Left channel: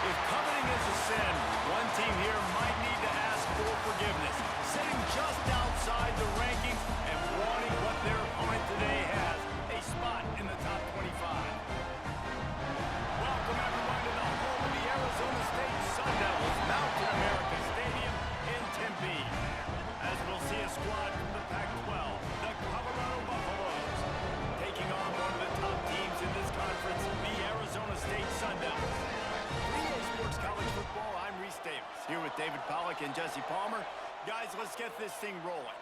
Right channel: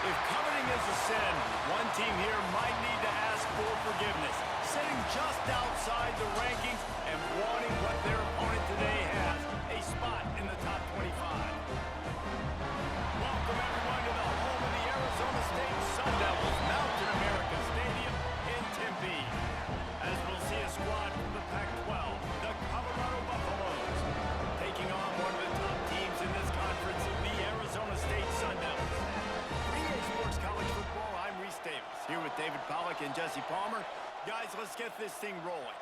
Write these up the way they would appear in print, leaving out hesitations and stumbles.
If coveting is a sin, one team here might need to ask for forgiveness, sitting just outside the rankings and wanting what their opponent today has, a spot in the top 25. Welcome everyone to the home of the Arizona State Sun Devils, Mountain America Stadium in Tempe. As we'll see a squad from the Pac-12, the Colorado Buffaloes, taking on one of the top teams in this conference, the Arizona State Sun Devils. For EA Sports College Football, I'm Reese Davis, here with David Pollack and Jesse Palmer. Guys, let's get this thing rolling.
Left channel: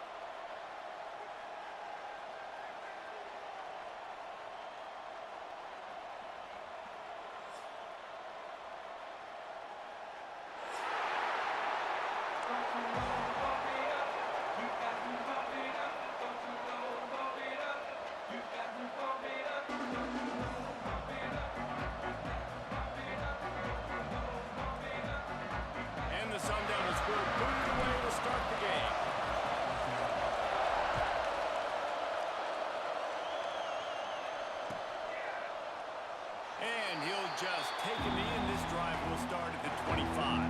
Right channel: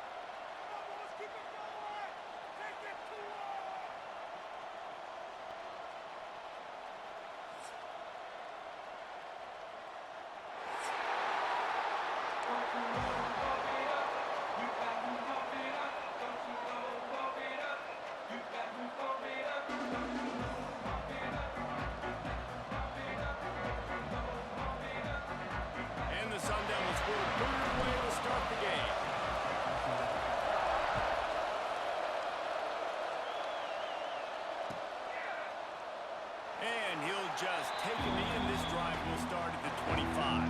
And the Sun Devils were booted away to start the game. And he'll just take a knee, and this drive will start at the 25.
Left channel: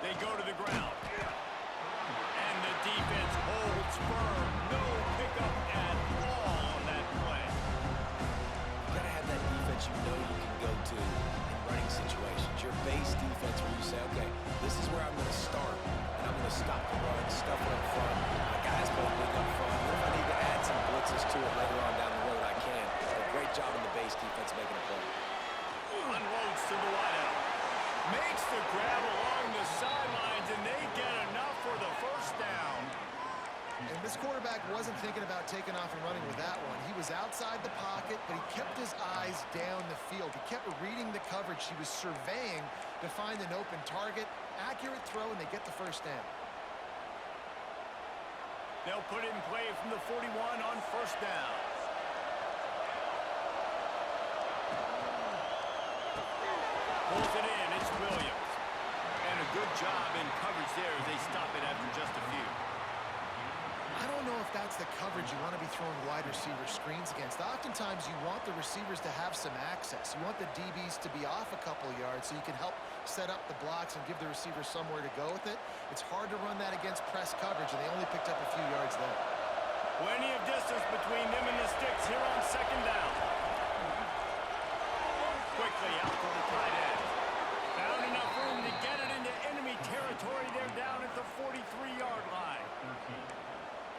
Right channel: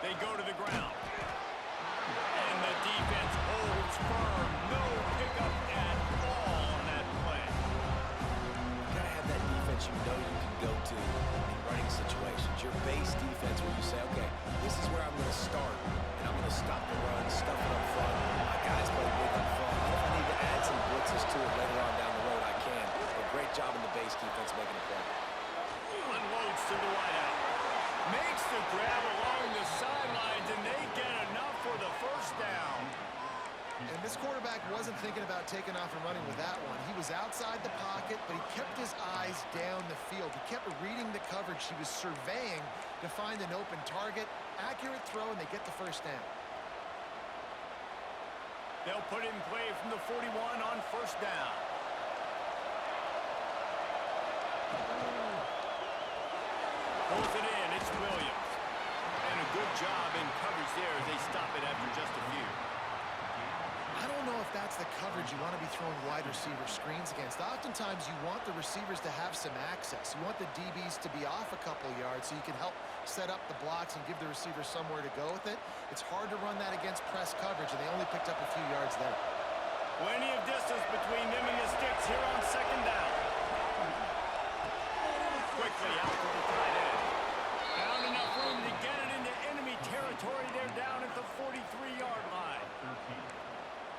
They go to the ground. And the defense holds firm. No pickup at all on that play. You gotta have that defense you know you can go to in running situations. Your base defense where you say, okay, this is where I'm gonna start, and I'm gonna stop the run, stuff it up front. My guys play big up front. What if I need to add some blitzes to it later on down the road? I can. A great job in the base defense making a play. Unloads to the wideout. Makes the grab along the sidelines, and they get enough for the first down. And this quarterback wasn't thinking about taking off and running with that one. He was outside the pocket, but he kept his eyes down the field. He kept reading the coverage. He was surveying to find an open target. Accurate throw, and they get the first down. They'll put it in play from the 41 on first down. Pulls it in, it's Williams. And a good job in coverage there as they stop it after just a few. I don't know if that's the coverage you want to be throwing wide receiver screens against. Oftentimes, you want the receivers to have some access. You want the DBs to be off a couple yards so you can help set up the blocks and give the receivers somewhere to go with it. It's hard to run that against press coverage, and they only picked up a few yards there. Plenty of distance between them and the sticks here on second down. Quickly out to the tight end. Found enough room to get it into enemy territory. They're down at the 43-yard line.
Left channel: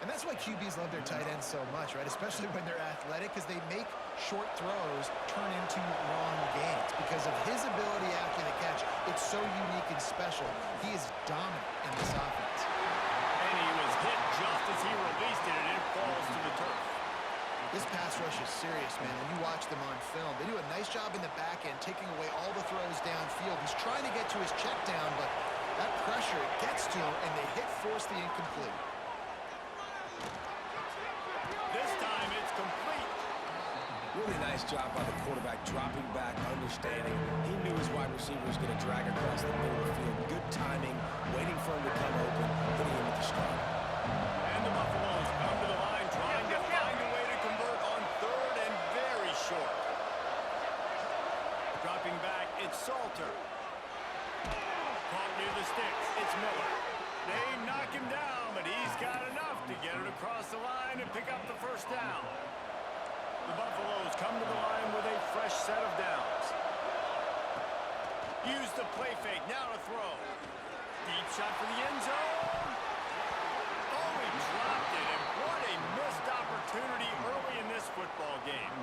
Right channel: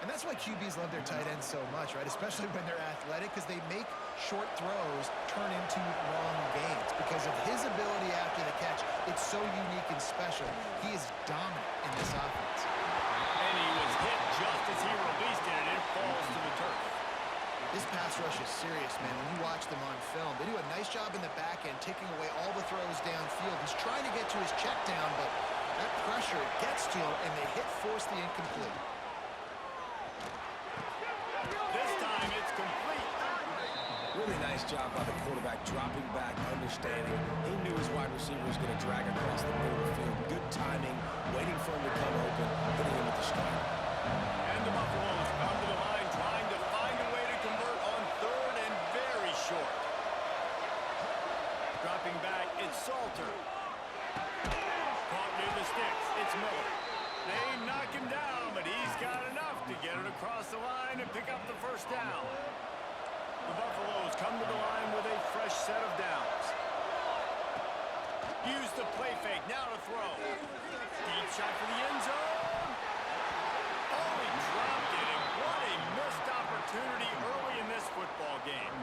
And that's why QBs love their tight ends so much, right? Especially when they're athletic, because they make short throws turn into long gains. Because of his ability after the catch, it's so unique and special. He is dominant in this offense. And he was hit just as he released it, and it falls to the turf. This pass rush is serious, man. When you watch them on film, they do a nice job in the back end, taking away all the throws downfield. He's trying to get to his check down, but that pressure, it gets to him, and they force the incomplete. This time it's complete. Really nice job by the quarterback, dropping back, understanding. He knew his wide receiver was going to drag across the middle of the field. Good timing, waiting for him to come open, hitting him with the strike. And the Buffaloes come to the line, trying to find a way to convert on third and very short. Dropping back, it's Salter. Caught near the sticks, it's Miller. They knock him down, but he's got enough to get it across the line and pick up the first down. The Buffaloes come to the line with a fresh set of downs. Use the play fake, now to throw. Deep shot for the end zone. Oh, he dropped it, and what a missed opportunity early in this football game.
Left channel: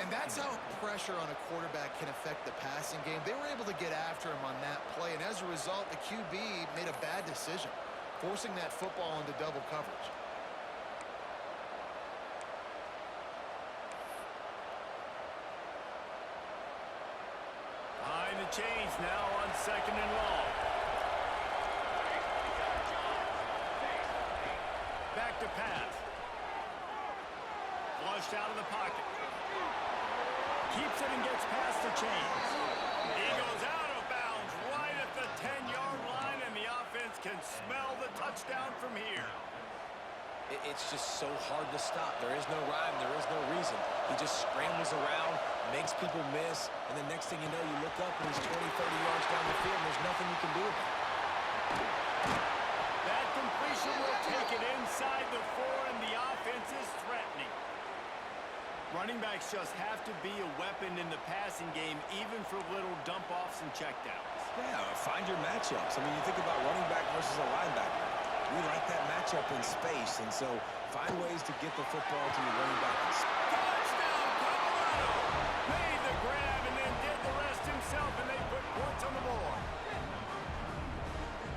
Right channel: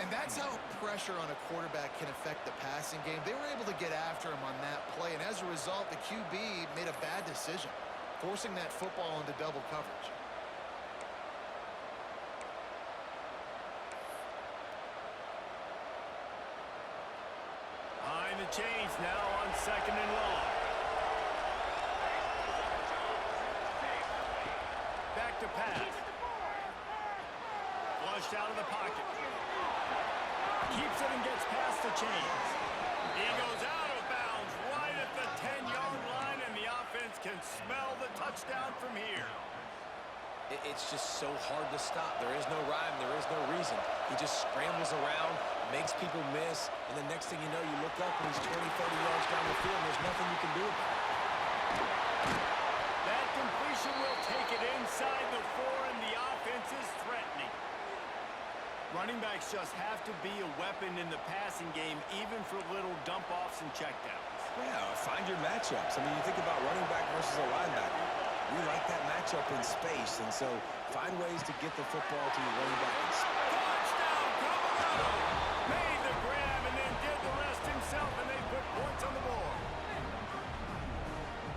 And that's how pressure on a quarterback can affect the passing game. They were able to get after him on that play, and as a result, the QB made a bad decision, forcing that football into double coverage. Behind the chains now on second and long. Back to pass. Flushed out of the pocket. Keeps it and gets past the chains. He goes out of bounds right at the 10-yard line, and the offense can smell the touchdown from here. It's just so hard to stop. There is no rhyme. There is no reason. He just scrambles around, makes people miss, and the next thing you know, you look up and he's 20, 30 yards down the field, and there's nothing you can do about it. That completion will take it inside the 4, and the offense is threatening. Running backs just have to be a weapon in the passing game, even for little dump-offs and checkdowns. Yeah, find your matchups. I mean, you think about running back versus a linebacker. We like that matchup in space, and so find ways to get the football to your running back in space. Touchdown, Colorado! Made the grab and then did the rest himself, and they put points on the board.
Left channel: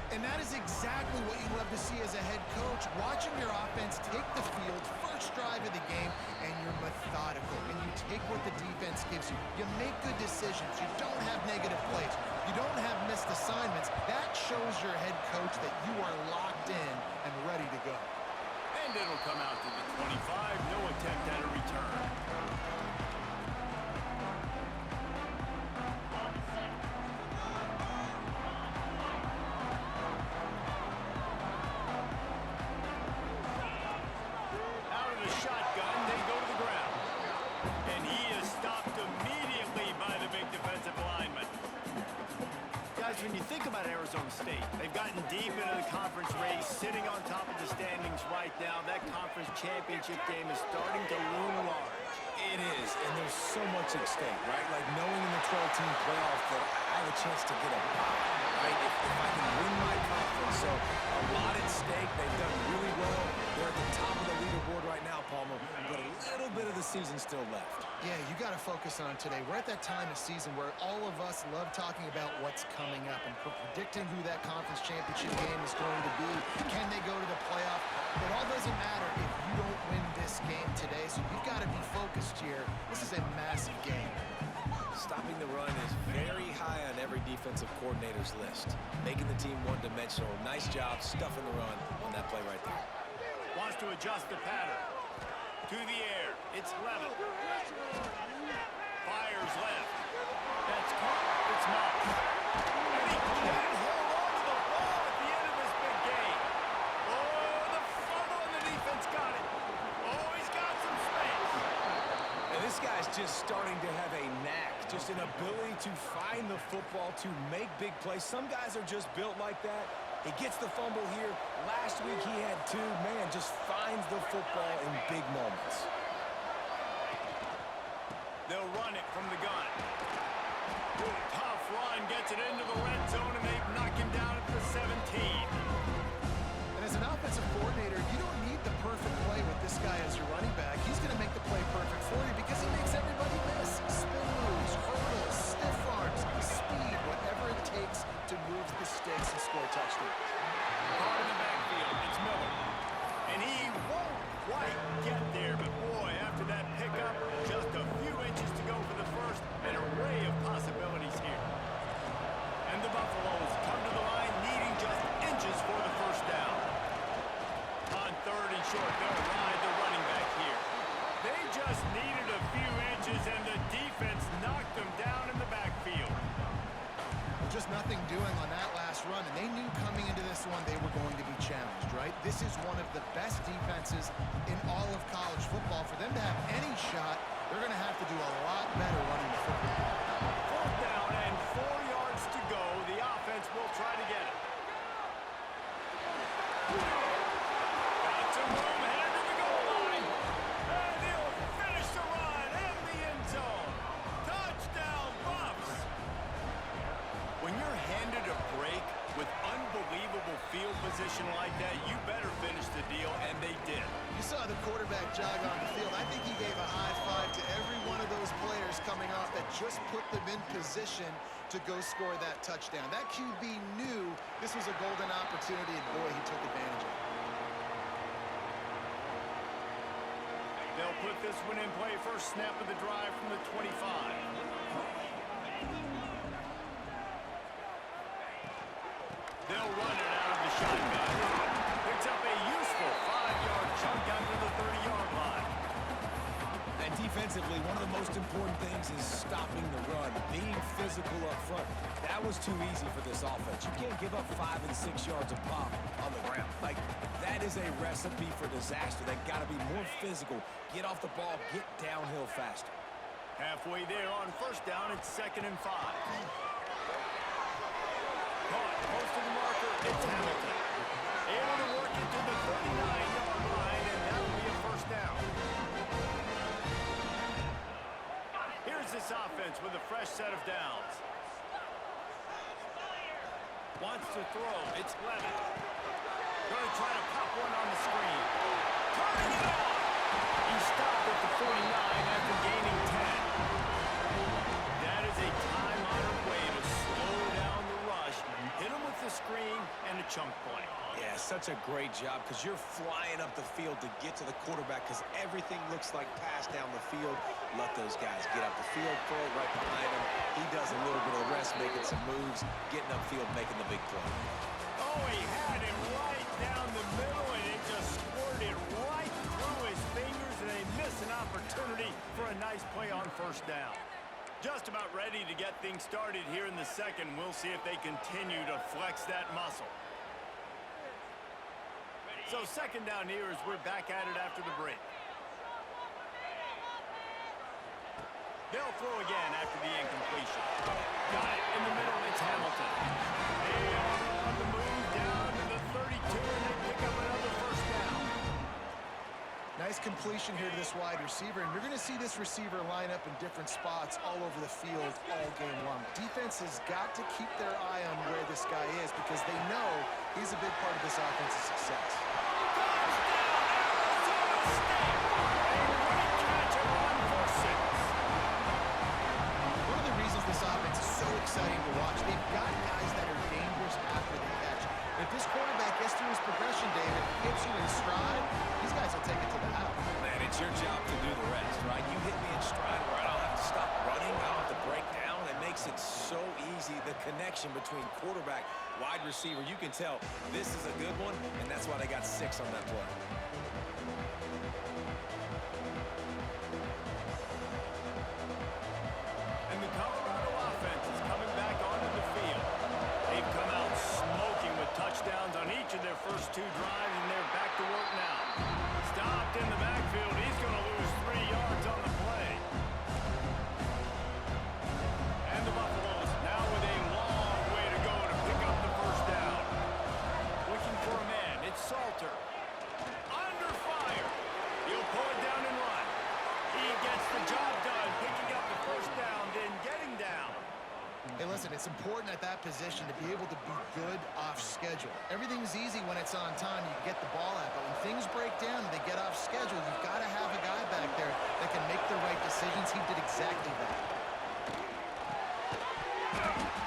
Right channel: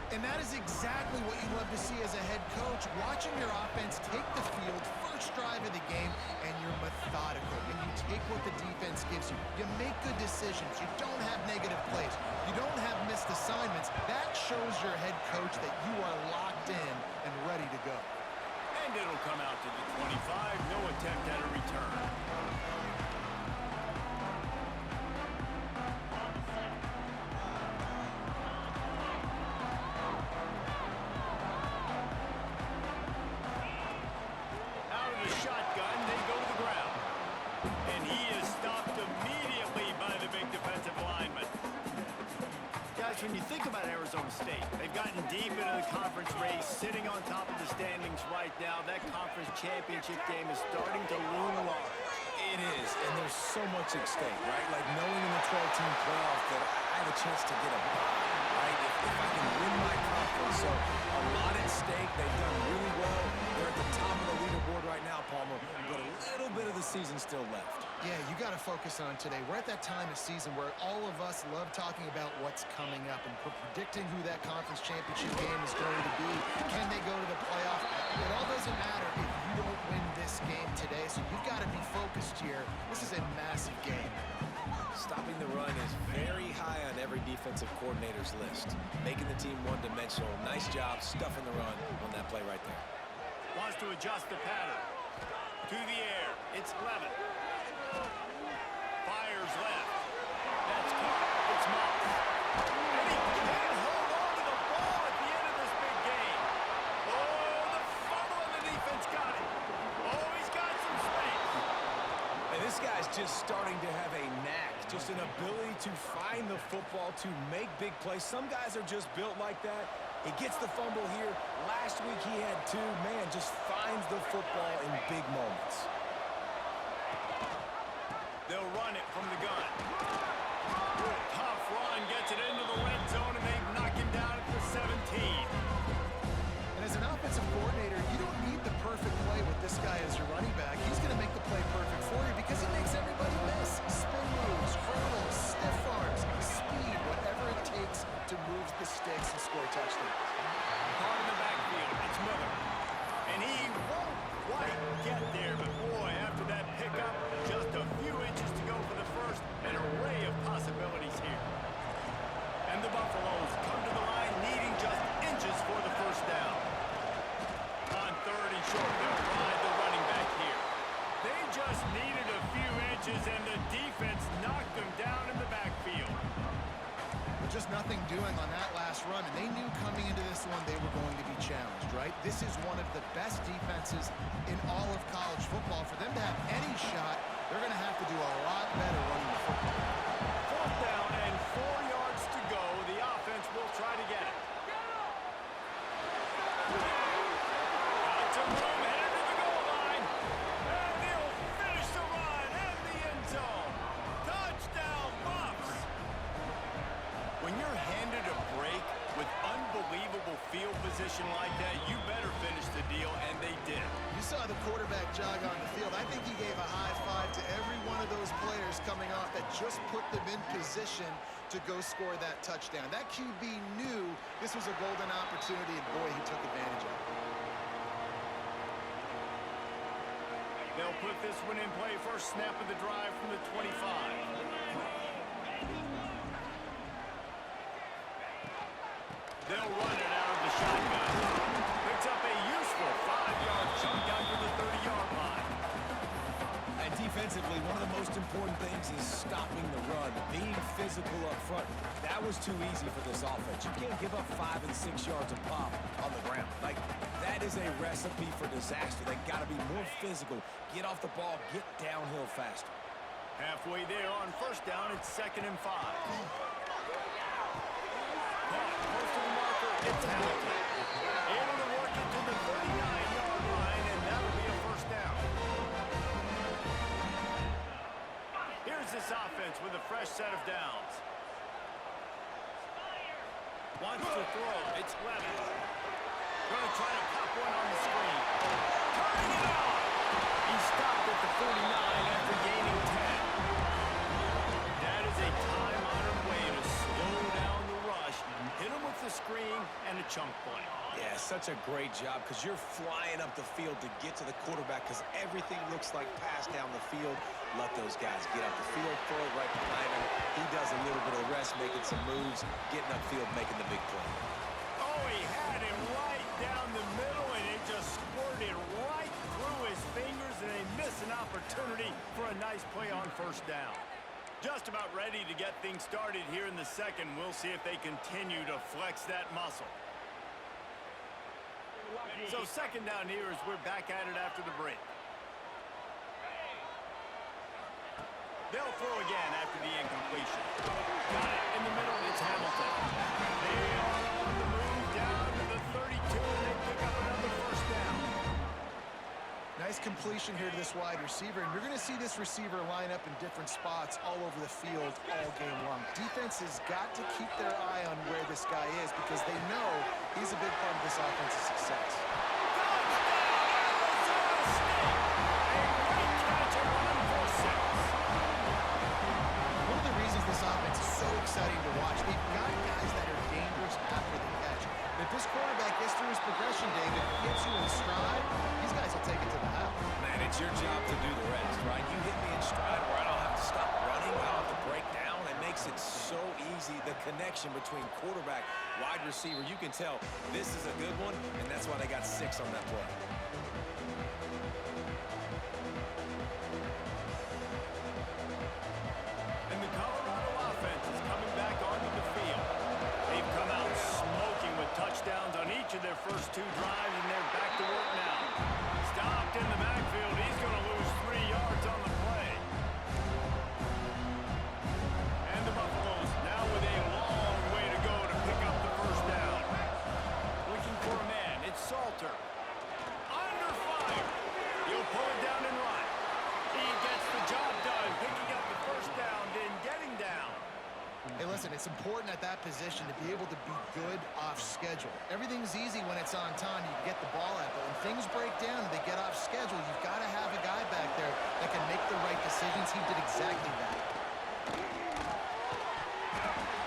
And that is exactly what you love to see as a head coach, watching your offense take the field, first drive of the game, and you're methodical, and you take what the defense gives you. You make good decisions. You don't have negative plays. You don't have missed assignments. That shows your head coach that you are locked in and ready to go. And it'll come out to the 25. No attempt at a return. When you think about Arizona State, they've gotten deep into the conference race, sitting on top of the standings right now. That conference championship game is starting to loom large. It is, and there's so much at stake, right? Like knowing in the 12-team playoff that I have a chance to get a bye, right? If I can win my conference, so a lot at stake. They've done really well. They're at the top of the leaderboard right now, Palmer, but a little bit of the season still left. Yeah, you got to focus on today. We're at that time of season where all of us love talking about what's coming up and predicting who that conference championship game is going to be. Can they go to the playoff? It all doesn't matter if you don't win this game today, so you've got to be focused here. This is a massive game. Stopping the run is very high on every defensive coordinator's list. Making the team one-dimensional. Nice job stuffing the run on that play right there. Wants to adjust the pattern. To the air. It's level. Fires left. That's caught. It's Moss. And he can't hold on to the ball at the end of this big game. Oh, the fumble and the defense got it. Oh, he's got some space. And this guy's just starting to have a knack, just an ability to find the football, to make big plays. Some guys are just built like that. He gets the fumble here. Last week he had 2. Man, just finds the football in big moments. They'll run it from the gun. Tough run, gets it into the red zone, and they knock him down at the 17. And as an offensive coordinator, you don't need the perfect play with this guy as your running back. He's going to make the play perfect for you because he makes everybody miss. Spin moves, hurdles, stiff arms, speed, whatever it takes to move the sticks and score touchdowns. Caught in the backfield, it's Miller. And he won't quite get there, but boy, after that pickup, just a few inches to go for the first. An array of possibilities here. And the Buffaloes come to the line needing just inches for the first down. On 3rd and short, they'll ride the running back here. They just needed a few inches, and the defense knocked them down in the backfield. Well, just nothing doing on that last run, and they knew coming into this one they were going to be challenged, right? This is one of the best defenses in all of college football. For them to have any shot, they're going to have to do a lot better running the football. 4th down and 4 yards to go. The offense will try to get it. Got some room, headed to the goal line. And he'll finish the run in the end zone. Touchdown, Buffs. When you're handed a break with unbelievable field position like that, you better finish the deal, and they did. You saw the quarterback jog on the field. I think he gave a high five to every one of those players coming off that just put them in position to go score that touchdown. That QB knew this was a golden opportunity, and boy, he took advantage of it. They'll put this one in play. First snap of the drive from the 25. They'll run it out of the shotgun. Picks up a useful 5-yard chunk out to the 30-yard line. and defensively, one of the most important things is stopping the run, being physical up front. That was too easy for this offense. You can't give up 5 and 6 yards a pop on the ground. Like, that is a recipe for disaster. They got to be more physical, get off the ball, get downhill faster. Halfway there on first down, it's 2nd and 5. Caught close to the marker, it's Hamilton. Able to work it to the 39-yard line, and that'll be a first down. Here's this offense with a fresh set of downs. Wants to throw, it's Levis. Gonna try to pop one on the screen. Turning it off! He stopped at the 49 after gaining 10. That is a time-honored way to slow down the rush, hit him with the screen, and a chunk play. Yeah, such a great job because you're flying up the field to get to the quarterback because everything looks like pass down the field. Let those guys get up the field, throw it right behind him. He does a little bit of the rest, making some moves, getting upfield, making the big play. Oh, he had it right down the middle, and it just squirted right through his fingers, and they miss an opportunity for a nice play on first down. Just about ready to get things started here in the second. We'll see if they continue to flex that muscle. So 2nd down here as we're back at it after the break. They'll throw again after the incompletion. Got it in the middle. It's Hamilton. They are on the move down to the 32, and they pick up another first down. Nice completion here to this wide receiver, and you're going to see this receiver line up in different spots all over the field all game long. Defense has got to keep their eye on where this guy is because they know he's a big part of this offense's success. Touchdown, Arizona State! A great catch and run for 6. One of the reasons this offense is so exciting to watch, they've got guys that are dangerous after the catch. If this quarterback gets through his progression, David, hits you in stride, these guys will take it to the house. Man, it's your job to do the rest, right? You hit me in stride where I don't have to stop running, I don't have to break down. It makes it so easy, the connection between quarterback, wide receiver. You can tell this is a good one, and that's why they got 6 on that play. And the Colorado offense is coming back onto the field. They've come out smoking with touchdowns on each of their first 2 drives, and they're back to work now. Stopped in the backfield. He's going to lose 3 yards on the play. And the Buffaloes now with a long way to go to pick up the first down. Looking for a man. It's Salter. Under fire. He'll pull it down and run. He gets the job done, picking up the first down, then getting down. Hey, listen, it's important at that position to be able to be good off schedule. Everything's easy when it's on time. You can get the ball out, but when things break down and they get off schedule, you've got to have a guy back there that can make the right decisions. He did exactly that.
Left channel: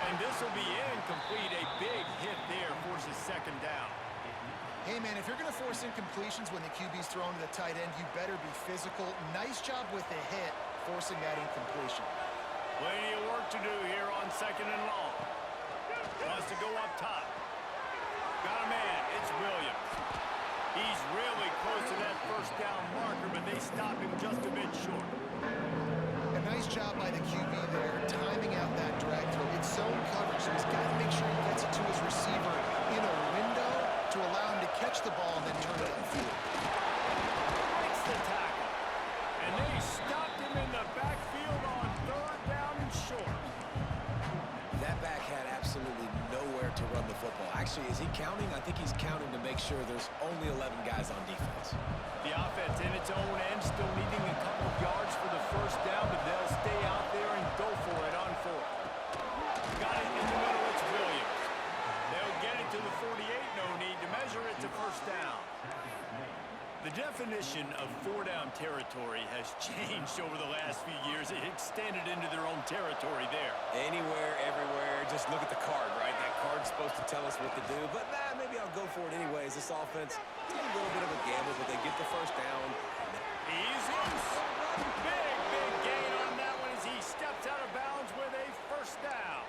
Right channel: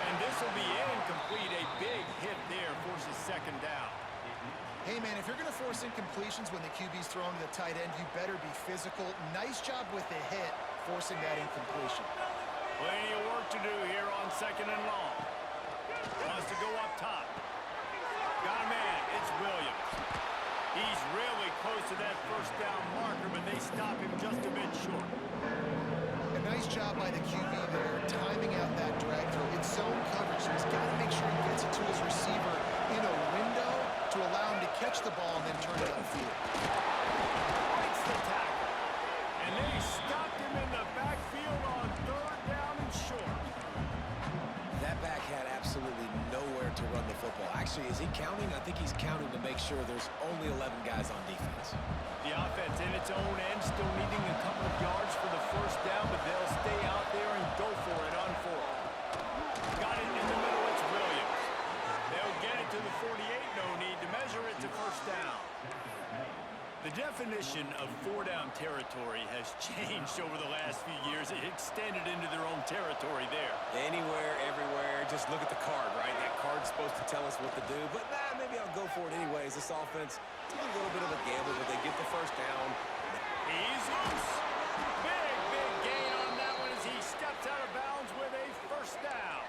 And this will be incomplete. A big hit there forces 2nd down. Hey, man, if you're going to force incompletions when the QB's thrown to the tight end, you better be physical. Nice job with the hit, forcing that incompletion. Plenty of work to do here on 2nd and long. Wants to go up top. Got a man. It's Williams. He's really close to that first down marker, but they stop him just a bit short. A nice job by the QB there, timing out that drag throw. It's zone coverage, so he's got to make sure he gets it to his receiver in a window to allow him to catch the ball and then turn it upfield. Breaks the tackle. And they stopped him in the backfield on 3rd down and short. That back had absolutely nowhere to run the football. Actually, is he counting? I think he's counting to make sure there's only 11 guys on defense. The offense in its own end still needing a couple of yards for the first down, but they'll stay out there and go for it on 4th. Got it in the middle, it's Williams. They'll get it to the 48, no need to measure it to first down. The definition of 4-down territory has changed over the last few years. It extended into their own territory there. Anywhere, everywhere, just look at the card, right? That card's supposed to tell us what to do, but maybe I'll go for it anyways. This offense, it's a little bit of a gamble, but they get the first down. He's loose. Big gain on that one as he steps out of bounds with a first down.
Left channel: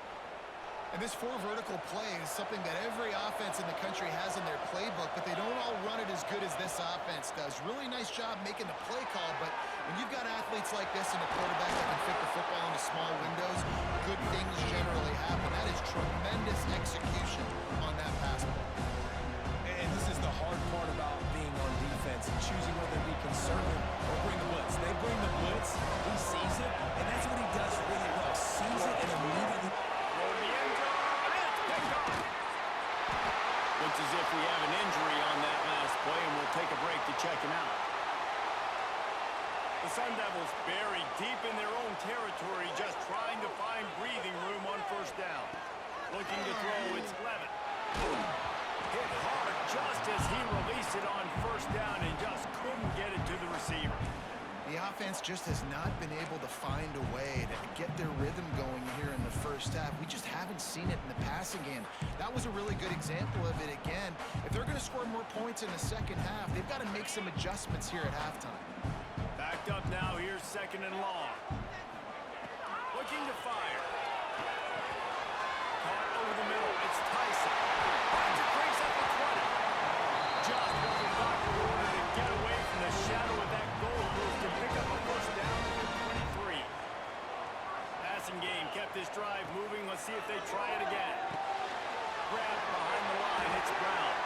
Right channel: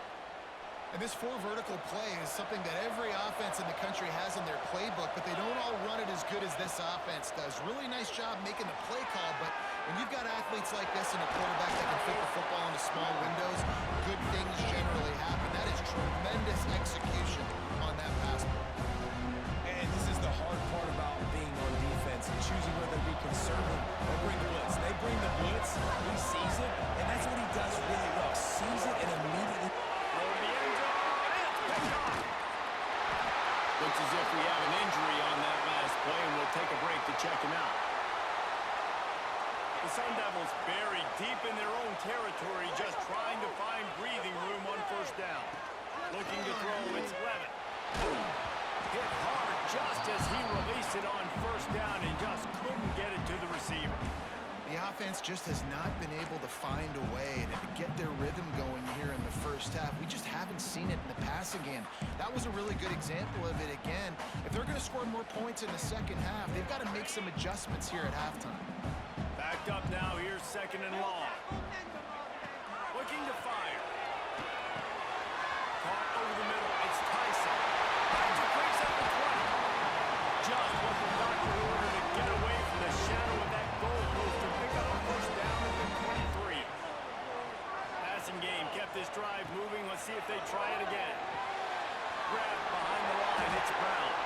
And this four vertical play is something that every offense in the country has in their playbook, but they don't all run it as good as this offense does. Really nice job making the play call, but when you've got athletes like this and a quarterback that can fit the football into small windows, good things generally happen. That is tremendous execution on that pass play. And this is the hard part about being on defense and choosing whether to be conservative or bring the blitz. They bring the blitz, he sees it, and that's what he does really well. Sees it and immediately... Throw to the end zone, and it's picked off. Looks as if we have an injury on that last play, and we'll take a break to check him out. The Sun Devils buried deep in their own territory, just trying to find breathing room on first down. Looking to throw, it's Levitt. Hit hard just as he released it on first down and just couldn't get it to the receiver. The offense just has not been able to find a way to get their rhythm going here in the first half. We just haven't seen it in the passing game. That was a really good example of it again. If they're going to score more points in the second half, they've got to make some adjustments here at halftime. Backed up now, here's second and long. Looking to fire. Caught over the middle, it's Tyson. Finds a crease at the 20. Just what the doctor ordered to get away from the shadow of that goalpost and pick up a first down at the 23. Passing game kept this drive moving. Let's see if they try it again. Grabbed behind the line, it's Brown.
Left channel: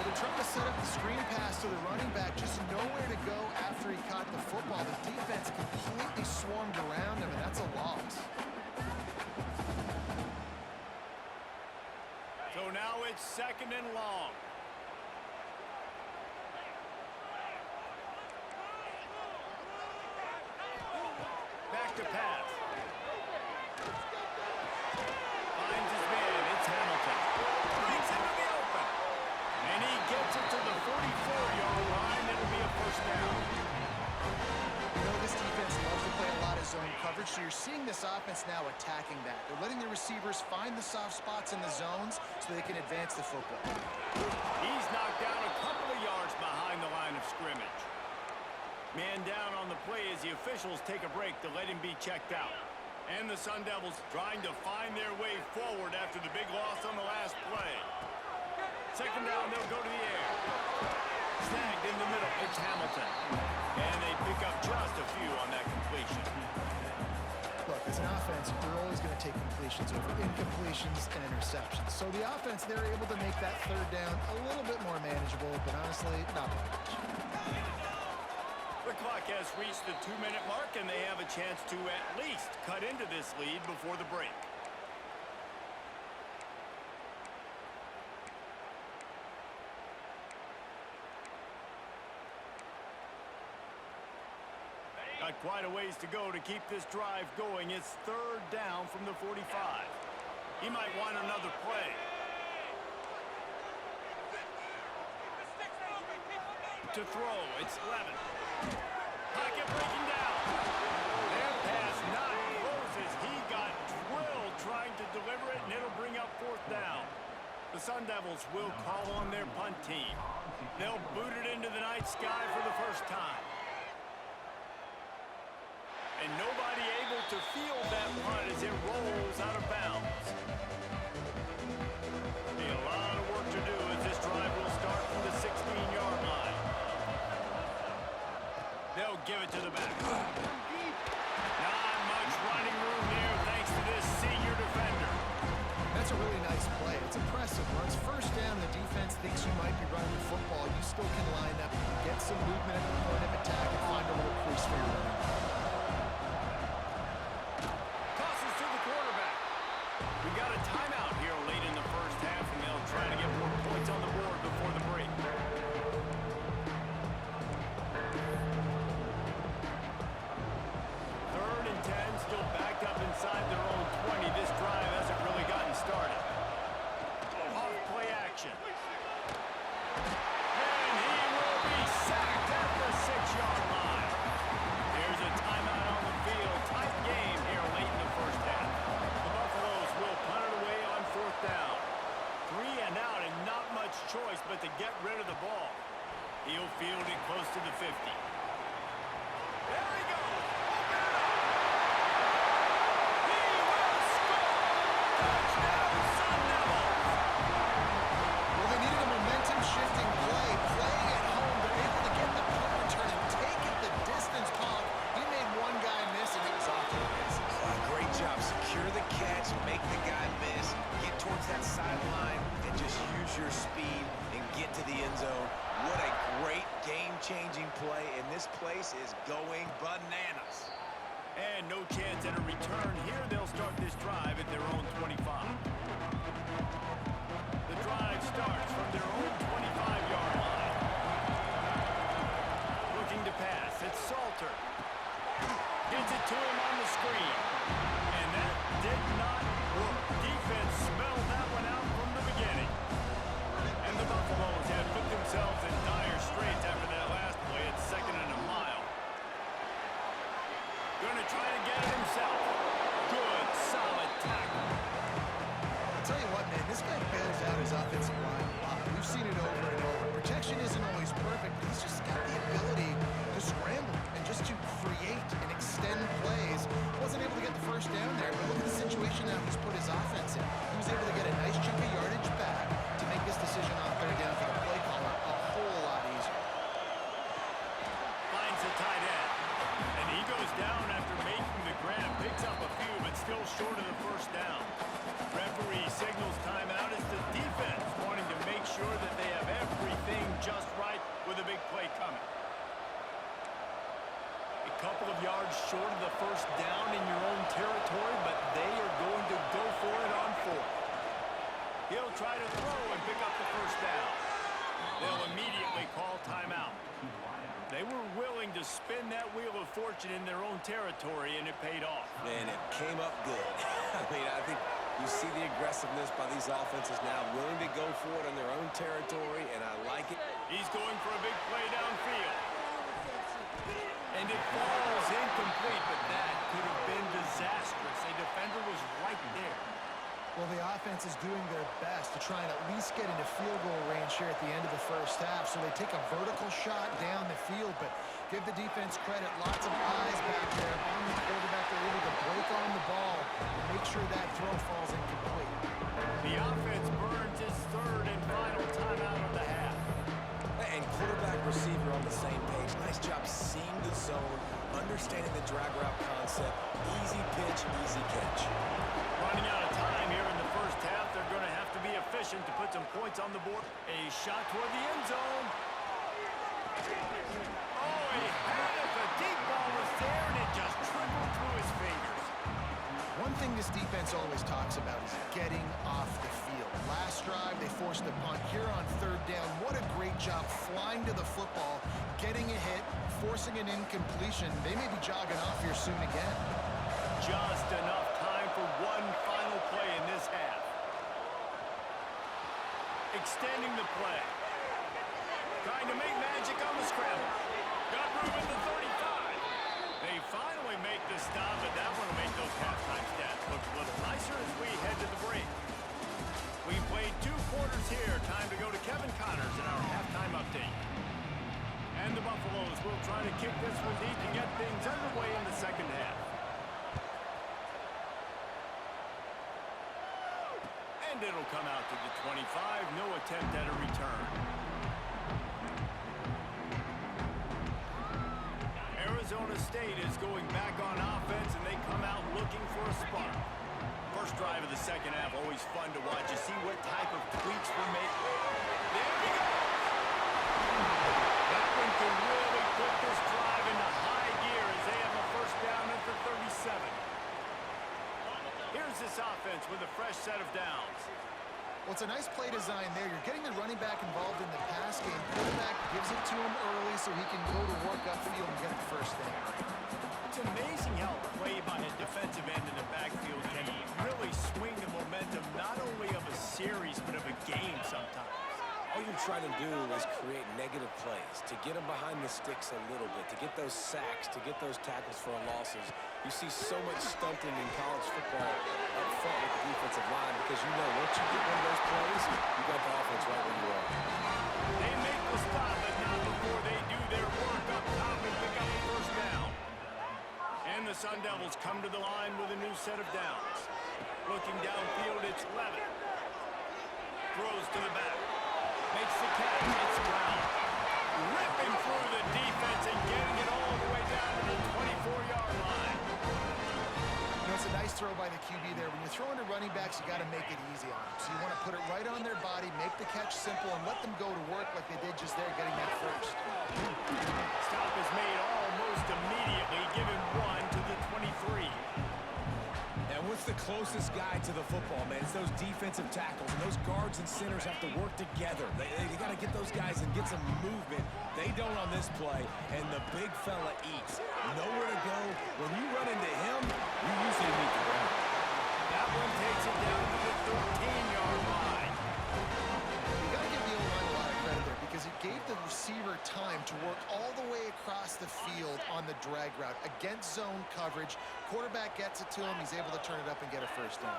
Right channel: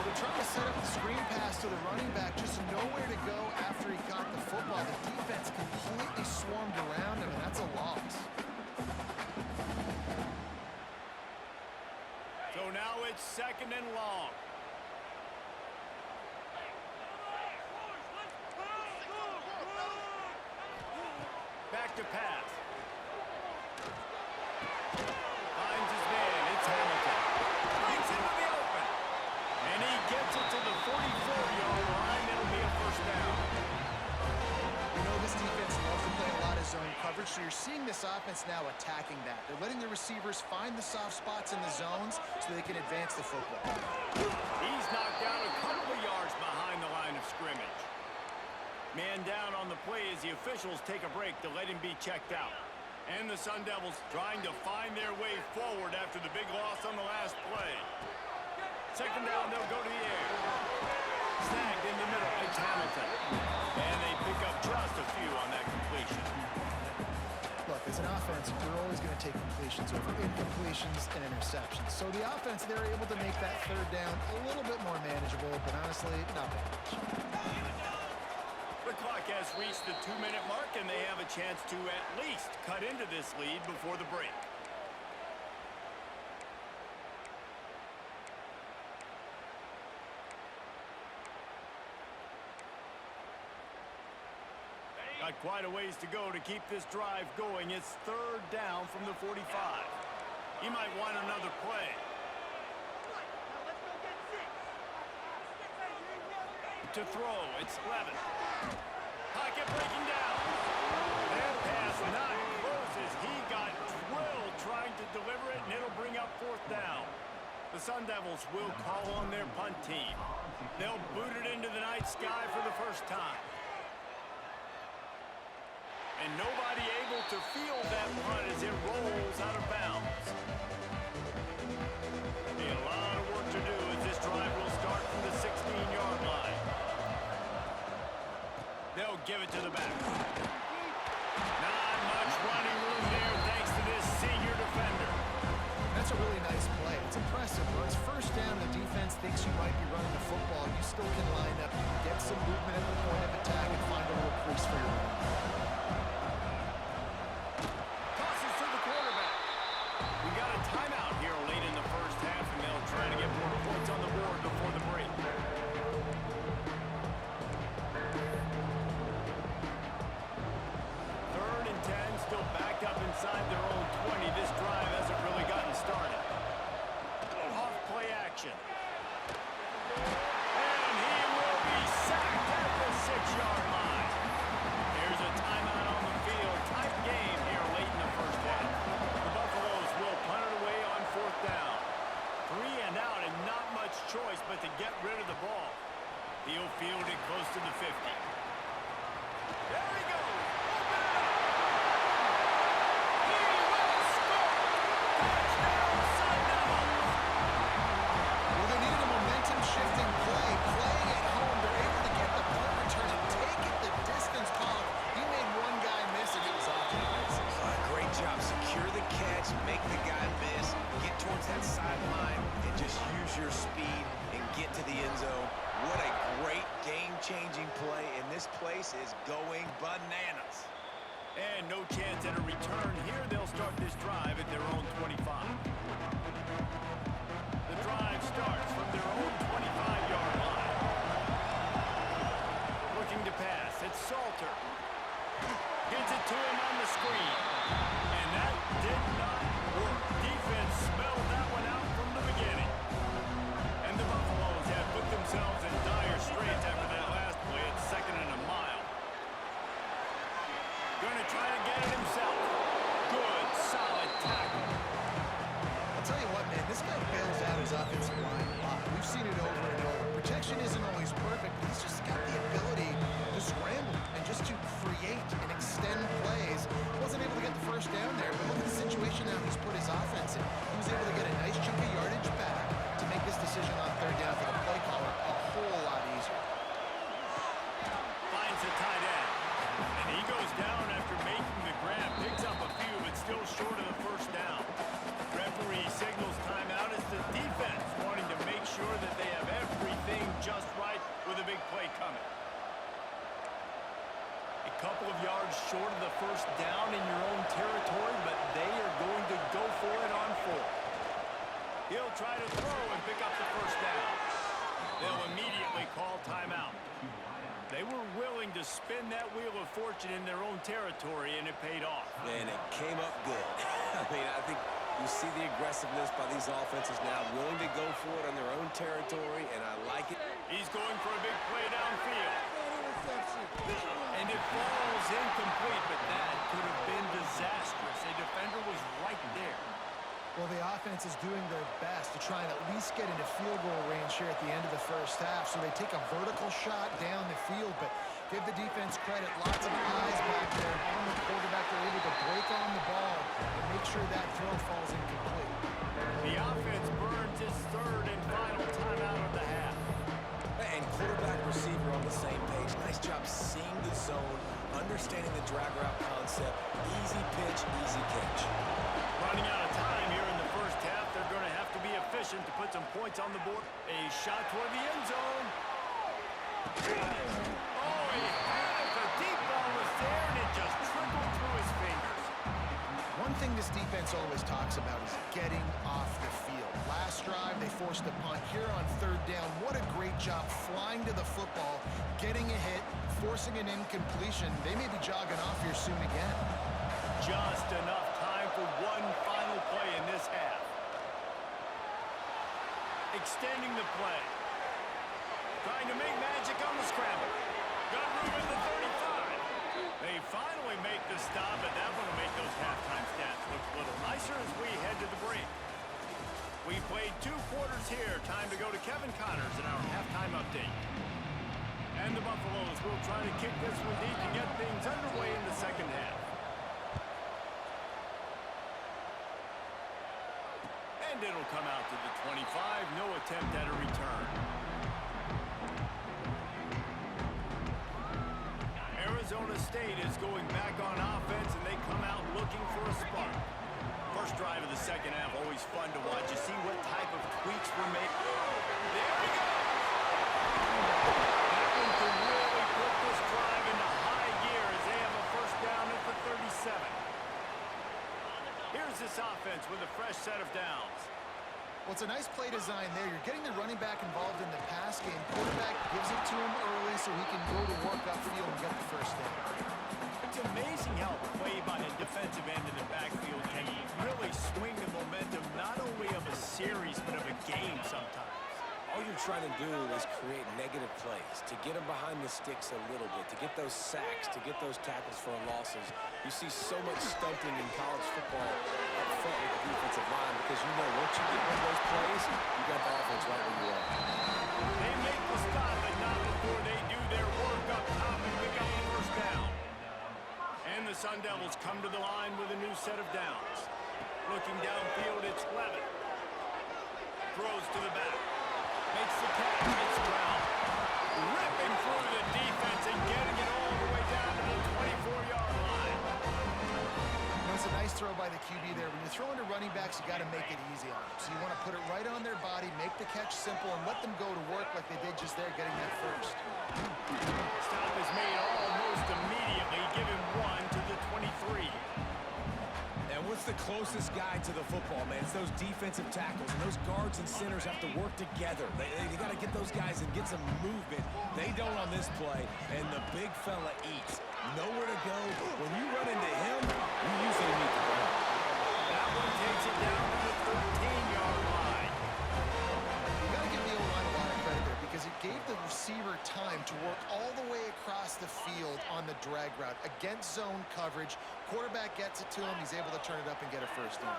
Well, they're trying to set up the screen pass to the running back, just nowhere to go after he caught the football. The defense completely swarmed around him, and that's a loss. So now it's second and long. Back to pass. Finds his man. It's Hamilton. Brings into the open. And he gets it to the 44-yard line. It'll be a first down. You know, this defense loves to play a lot of zone coverage, so you're seeing this offense now attacking that. They're letting the receivers find the soft spots in the zones so they can advance the football. He's knocked down a couple of yards behind the line of scrimmage. Man down on the play as the officials take a break to let him be checked out. And the Sun Devils trying to find their way forward after the big loss on the last play. Second down, they'll go to the air. Snagged in the middle, it's Hamilton. And they pick up just a few on that completion. Look, as an offense, you're always going to take completions over incompletions and interceptions. So the offense, they're able to make that third down a little bit more manageable, but honestly, not that much. The clock has reached the 2-minute mark, and they have a chance to at least cut into this lead before the break. Got quite a ways to go to keep this drive going. It's third down from the 45. He might want another play. To throw, it's Levitt. Pocket breaking down. That pass not close as he got drilled trying to deliver it, and it'll bring up fourth down. The Sun Devils will call on their punt team. They'll boot it into the night sky for the first time. And nobody able to field that punt as it rolls out of bounds. Be a lot of work to do as this drive will start from the 16-yard line. They'll give it to the back. Not much running room there thanks to this senior defender. That's a really nice play. It's impressive. Once first down, the defense thinks you might be running the football. You still can line up, get some movement at the point of attack, and find a little crease for your running back. Tosses to the quarterback. We got a timeout here late in the first half, and they'll try to get more points on the board before the break. Third and 10, still backed up inside their own 20. This drive hasn't really gotten started. Off play action. And he will be sacked at the 6-yard line. There's a timeout on the field. Tight game here late in the first half. The Buffaloes will punt it away on fourth down. 3 and out and not much choice but to get rid of the ball. He'll field it close to the 50. There he goes. Open it up. He will score. Touchdown, Sun Devils! Well, they needed a momentum-shifting play. Playing at home, they're able to get the punt return and take it the distance. Pollock, he made one guy miss, and it was off to the races. Great job. Secure the catch, make the guy miss, get towards that sideline, and just use your speed and get to the end zone. What a great game-changing play, and this place is going bananas. And no chance at a return here. They'll start this drive at their own 25. The drive starts from their own 25-yard line. Looking to pass. It's Salter. Gets it to him on the screen. And that did not work. Defense smelled that one out from the beginning. And the Buffaloes have put themselves in dire straits after that last play. It's 2nd and a mile. Gonna try to get it himself. Good, solid tackle. I'll tell you what, man, this guy bails out his offensive line a lot. We've seen it over and over. Protection isn't always perfect, but he's just got the ability to scramble and just to create and extend plays. Wasn't able to get the first down there, but look at the situation now he's put his offense in. He was able to get a nice chunk of yardage back to make this decision on 3rd down for the play caller a whole lot easier. Finds the tight end. And he goes down after making the grab. Picks up a few, but still short of the first down. Referee signals timeout as the defense wanting to make sure that they have everything just right with a big play coming. A couple of yards short of the first down in your own territory, but they are going to go for it on 4th. He'll try to throw and pick up the first down. They'll immediately call timeout. They were willing to spin that wheel of fortune in their own territory, and it paid off. Man, it came up good. I mean, I think you see the aggressiveness by these offenses now, willing to go for it on their own territory, and I like it. He's going for a big play downfield. And it falls incomplete, but that could have been disastrous. A defender was right there. Well, the offense is doing their best to try and at least get into field goal range here at the end of the first half. So they take a vertical shot down the field, but give the defense credit. Lots of eyes back there on the quarterback. They're able to break on the ball and make sure that throw falls incomplete. The offense burns his 3rd and final timeout of the half. And quarterback receiver on the same page. Nice job seeing the zone, understanding the drag route concept. Easy pitch, easy catch. Running out of time here in the first half. They're going to have to be efficient to put some points on the board. A shot toward the end zone. Oh, he had it. The deep ball was there, and it just trickled through his fingers. One thing this defense always talks about is getting off the field. Last drive, they forced a punt. Here on 3rd down, what a great job flying to the football, getting a hit, forcing an incompletion. They may be jogging off here soon again. Just enough time for one final play in this half. Extending the play. Trying to make magic on the scramble. Got room at the 35. They finally make the stop, but that one will make those halftime stats look a little nicer as we head to the break. We played 2 quarters here. Time to go to Kevin Connors in our halftime update. And the Buffaloes will try to kick this one deep and get things underway in the second half. And it'll come out to the 25. No attempt at a return. Arizona State is going back on offense, and they come out looking for a spark. First drive of the second half, always fun to watch. You see what type of tweaks were made. There he goes! That one could really put this drive into high gear as they have a first down at the 37. Here's this offense with a fresh set of downs. Well, it's a nice play design there. You're getting the running back involved in the pass game. Quarterback gives it to him early so he can go to work upfield and get the first down. It's amazing how play by a defensive end in the backfield can really swing the momentum not only of a series but of a game sometimes. All you're trying to do is create negative plays, to get them behind the sticks a little bit, to get those sacks, to get those tackles for losses. You see so much stunting in college football up front with the defensive line because you know once you get one of those plays, you got the offense right where you are. They make the stop, but not before they do their work up top and pick up a first down. And the Sun Devils come to the line with a new set of downs. Looking downfield, it's Levitt. Throws to the back. Makes the catch. It's Brown. Ripping through the defense and getting it all the way down to the 24-yard line. You know, it's a nice throw by the QB there. When you're throwing to running backs, you got to make it easy on them. So you want to put it right on their body, make the catch simple, and let them go to work like they did just there, getting that first. Stop is made almost immediately, giving one to the 23. And what's the closest guy to the football, man? It's those defensive tackles, and those guards and centers have to work together. They got to get those guys and get some movement. They don't on this play, and the big fella eats. Nowhere to go. When you run into him, you usually meet the ground. That one takes it down to the 13-yard line. You got to give the O-line a lot of credit there because it gave the receiver time to work all the way across the field on the drag route against zone coverage. Quarterback gets it to him. He's able to turn it up and get a first down.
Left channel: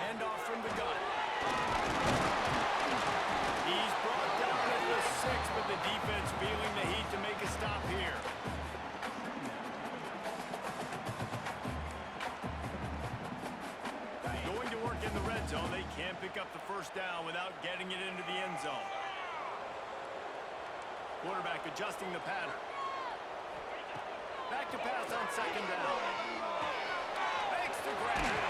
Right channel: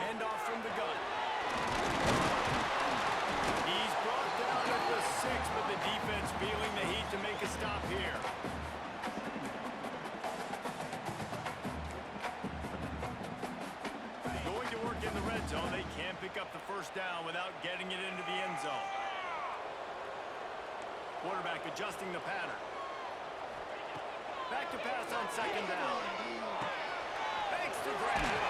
Hand off from the gun. He's brought down at the 6, but the defense feeling the heat to make a stop here. Going to work in the red zone. They can't pick up the first down without getting it into the end zone. Quarterback adjusting the pattern. Back to pass on second down. Makes the grab.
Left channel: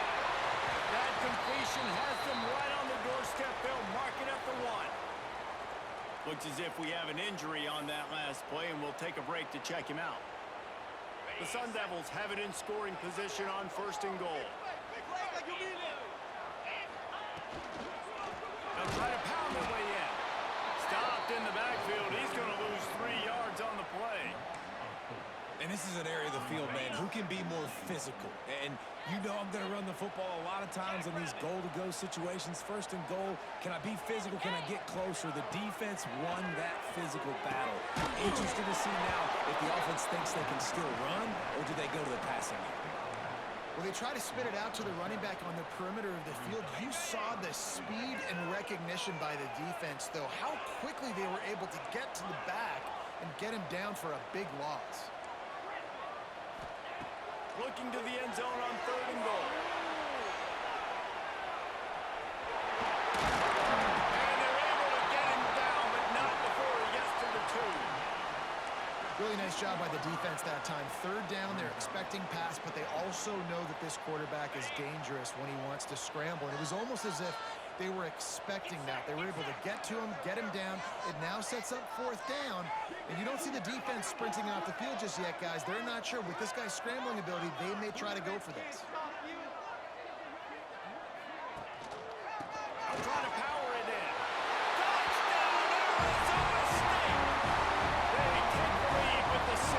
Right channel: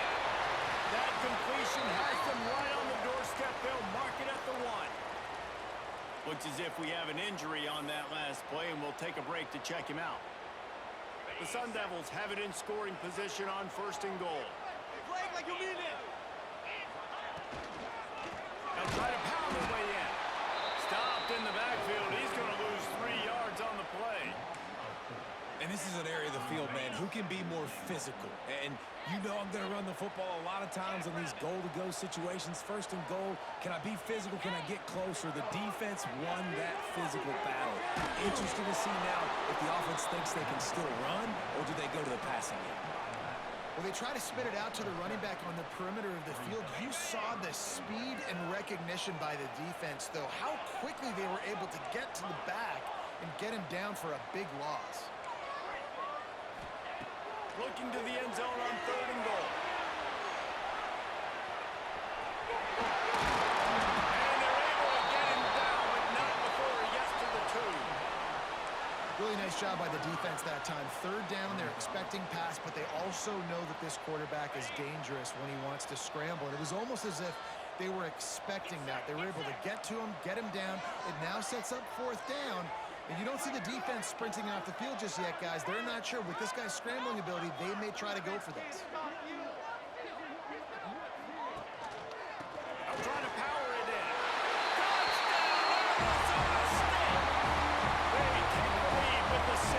That completion has them right on the doorstep. They'll mark it at the 1. Looks as if we have an injury on that last play, and we'll take a break to check him out. The Sun Devils have it in scoring position on first and goal. Now try to pound their way in. Stopped in the backfield. He's going to lose 3 yards on the play. And this is an area of the field, man, who can be more physical. And you know I'm going to run the football a lot of times in these goal-to-go situations. First and goal, can I be physical? Can I get closer? The defense won that physical battle. Interested to see now if the offense thinks they can still run, or do they go to the passing game? Well, they try to spit it out to the running back on the perimeter of the field. You saw the speed and recognition by the defense, though. How quickly they were able to get to the back and get him down for a big loss. Looking to the end zone on third and goal. And they're able to get him down, but not before he gets to the 2. Really nice job by the defense that time. Third down, they're expecting pass, but they also know that this quarterback is dangerous when he wants to scramble. And it was almost as if they were expecting that. They were able to get to him, get him down. It now sets up fourth down. And you don't see the defense sprinting off the field just yet, guys. They're not sure. With this guy's scrambling ability, they may try to go for this. I'm trying to power it in. Touchdown, Arizona State! They take the lead with the 6.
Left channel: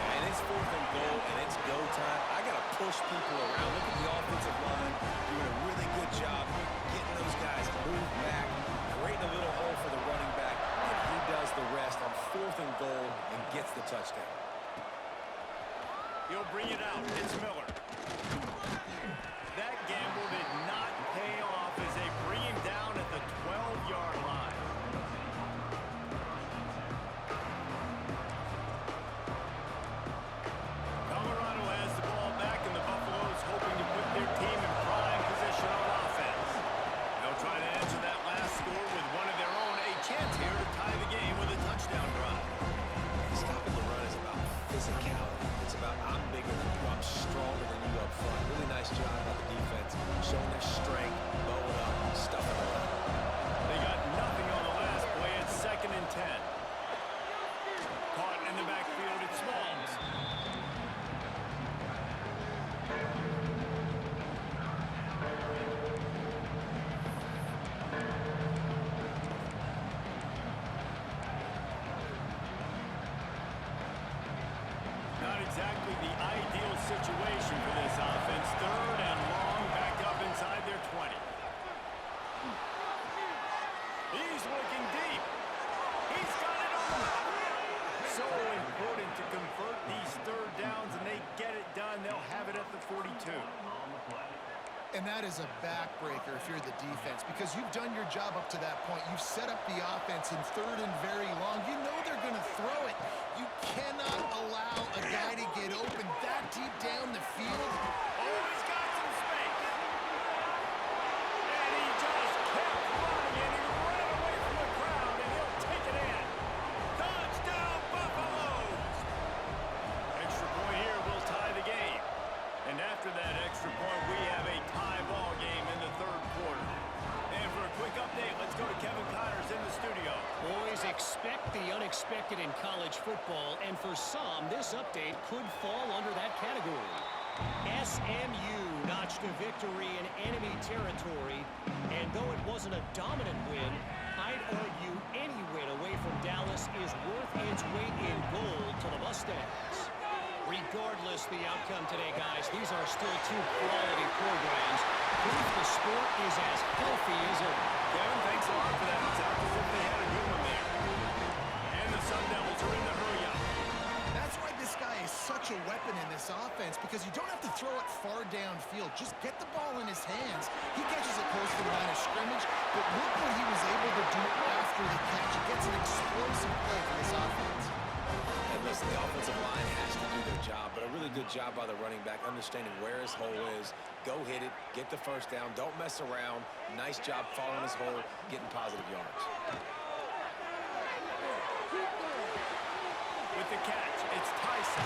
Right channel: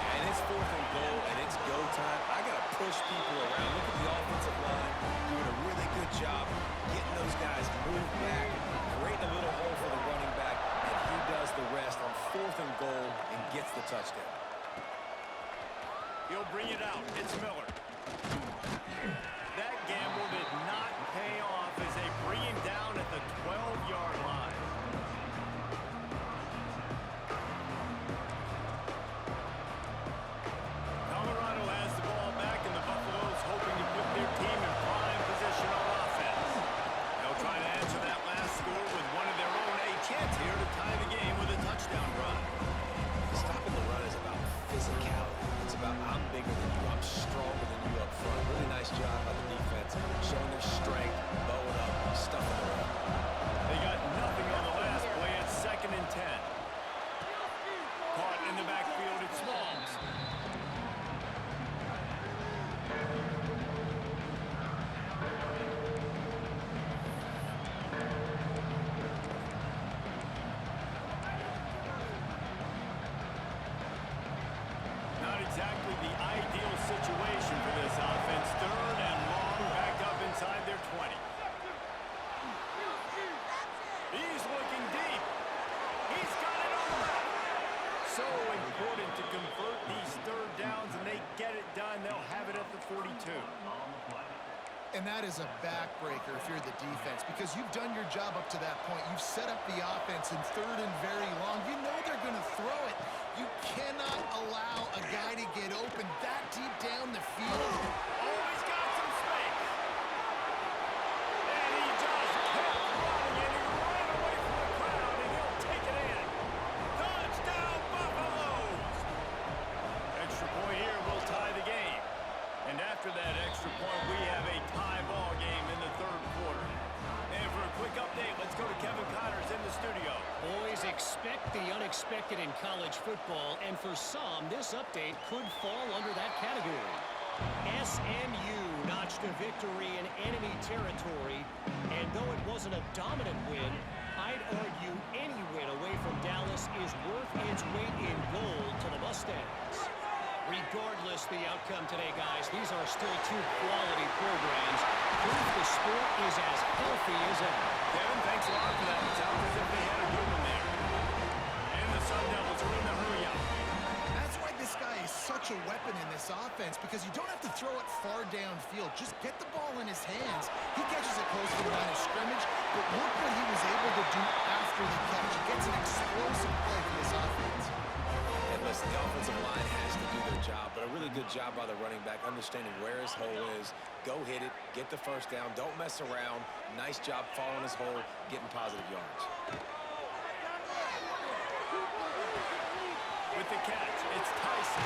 Yeah, and it's fourth and goal, and it's go time. I got to push people around. Look at the offensive line doing a really good job getting those guys moved back, creating a little hole for the running back, and he does the rest on fourth and goal and gets the touchdown. He'll bring it out. It's Miller. That gamble did not pay off as they bring him down at the 12-yard line. Colorado has the ball back, and the Buffaloes hoping to put their team in prime position on offense. They'll try to answer that last score with one of their own. A chance here to tie the game with a touchdown drive. Stopping the run is about physicality. It's about I'm bigger than you, I'm stronger than you up front. Really nice job by the defense, showing their strength, bowing up, stuffing the run. They got nothing on the last play. It's 2nd and 10. Caught in the backfield, it's Smalls. Not exactly the ideal situation for this offense. 3rd and long, backed up inside their 20. He's looking deep. He's got it on the left. So important to convert these 3rd downs, and they get it done. They'll have it at the 42. And that is a backbreaker if you're the defense, because you've done your job up to that point. You've set up the offense in 3rd and very long. You know they're going to throw it. You cannot allow a guy to get open that deep down the field. Oh, he's got some space. And he just kept running, and he ran away from the crowd, and he'll take it in. Touchdown, Buffaloes! Extra point here will tie the game. And after that extra point, we have a tie ball game in the 3rd quarter. And for a quick update, let's go to Kevin Connors in the studio. Boys, expect the unexpected in college football, and for some, this update could fall under that category. SMU notched a victory in enemy territory, and though it wasn't a dominant win, I'd argue any win away from Dallas is worth its weight in gold to the Mustangs. Regardless the outcome today, guys, these are still 2 quality programs. Proof the sport is as healthy as ever. Kevin, thanks a lot for that. It sounds as if they had a good one there. And the Sun Devils are in the hurry-up. That's why this guy is such a weapon in this offense, because you don't have to throw it far downfield. Just get the ball in his hands. He catches it close to the line of scrimmage, but look what he was able to do after the catch. He gets an explosive play for this offense. And listen, the offensive line has to do their job, but a really good job by the running back, understanding where his hole is. Go hit it, get the first down, don't mess around. Nice job following his hole, getting positive yards. With the catch, it's Tyson.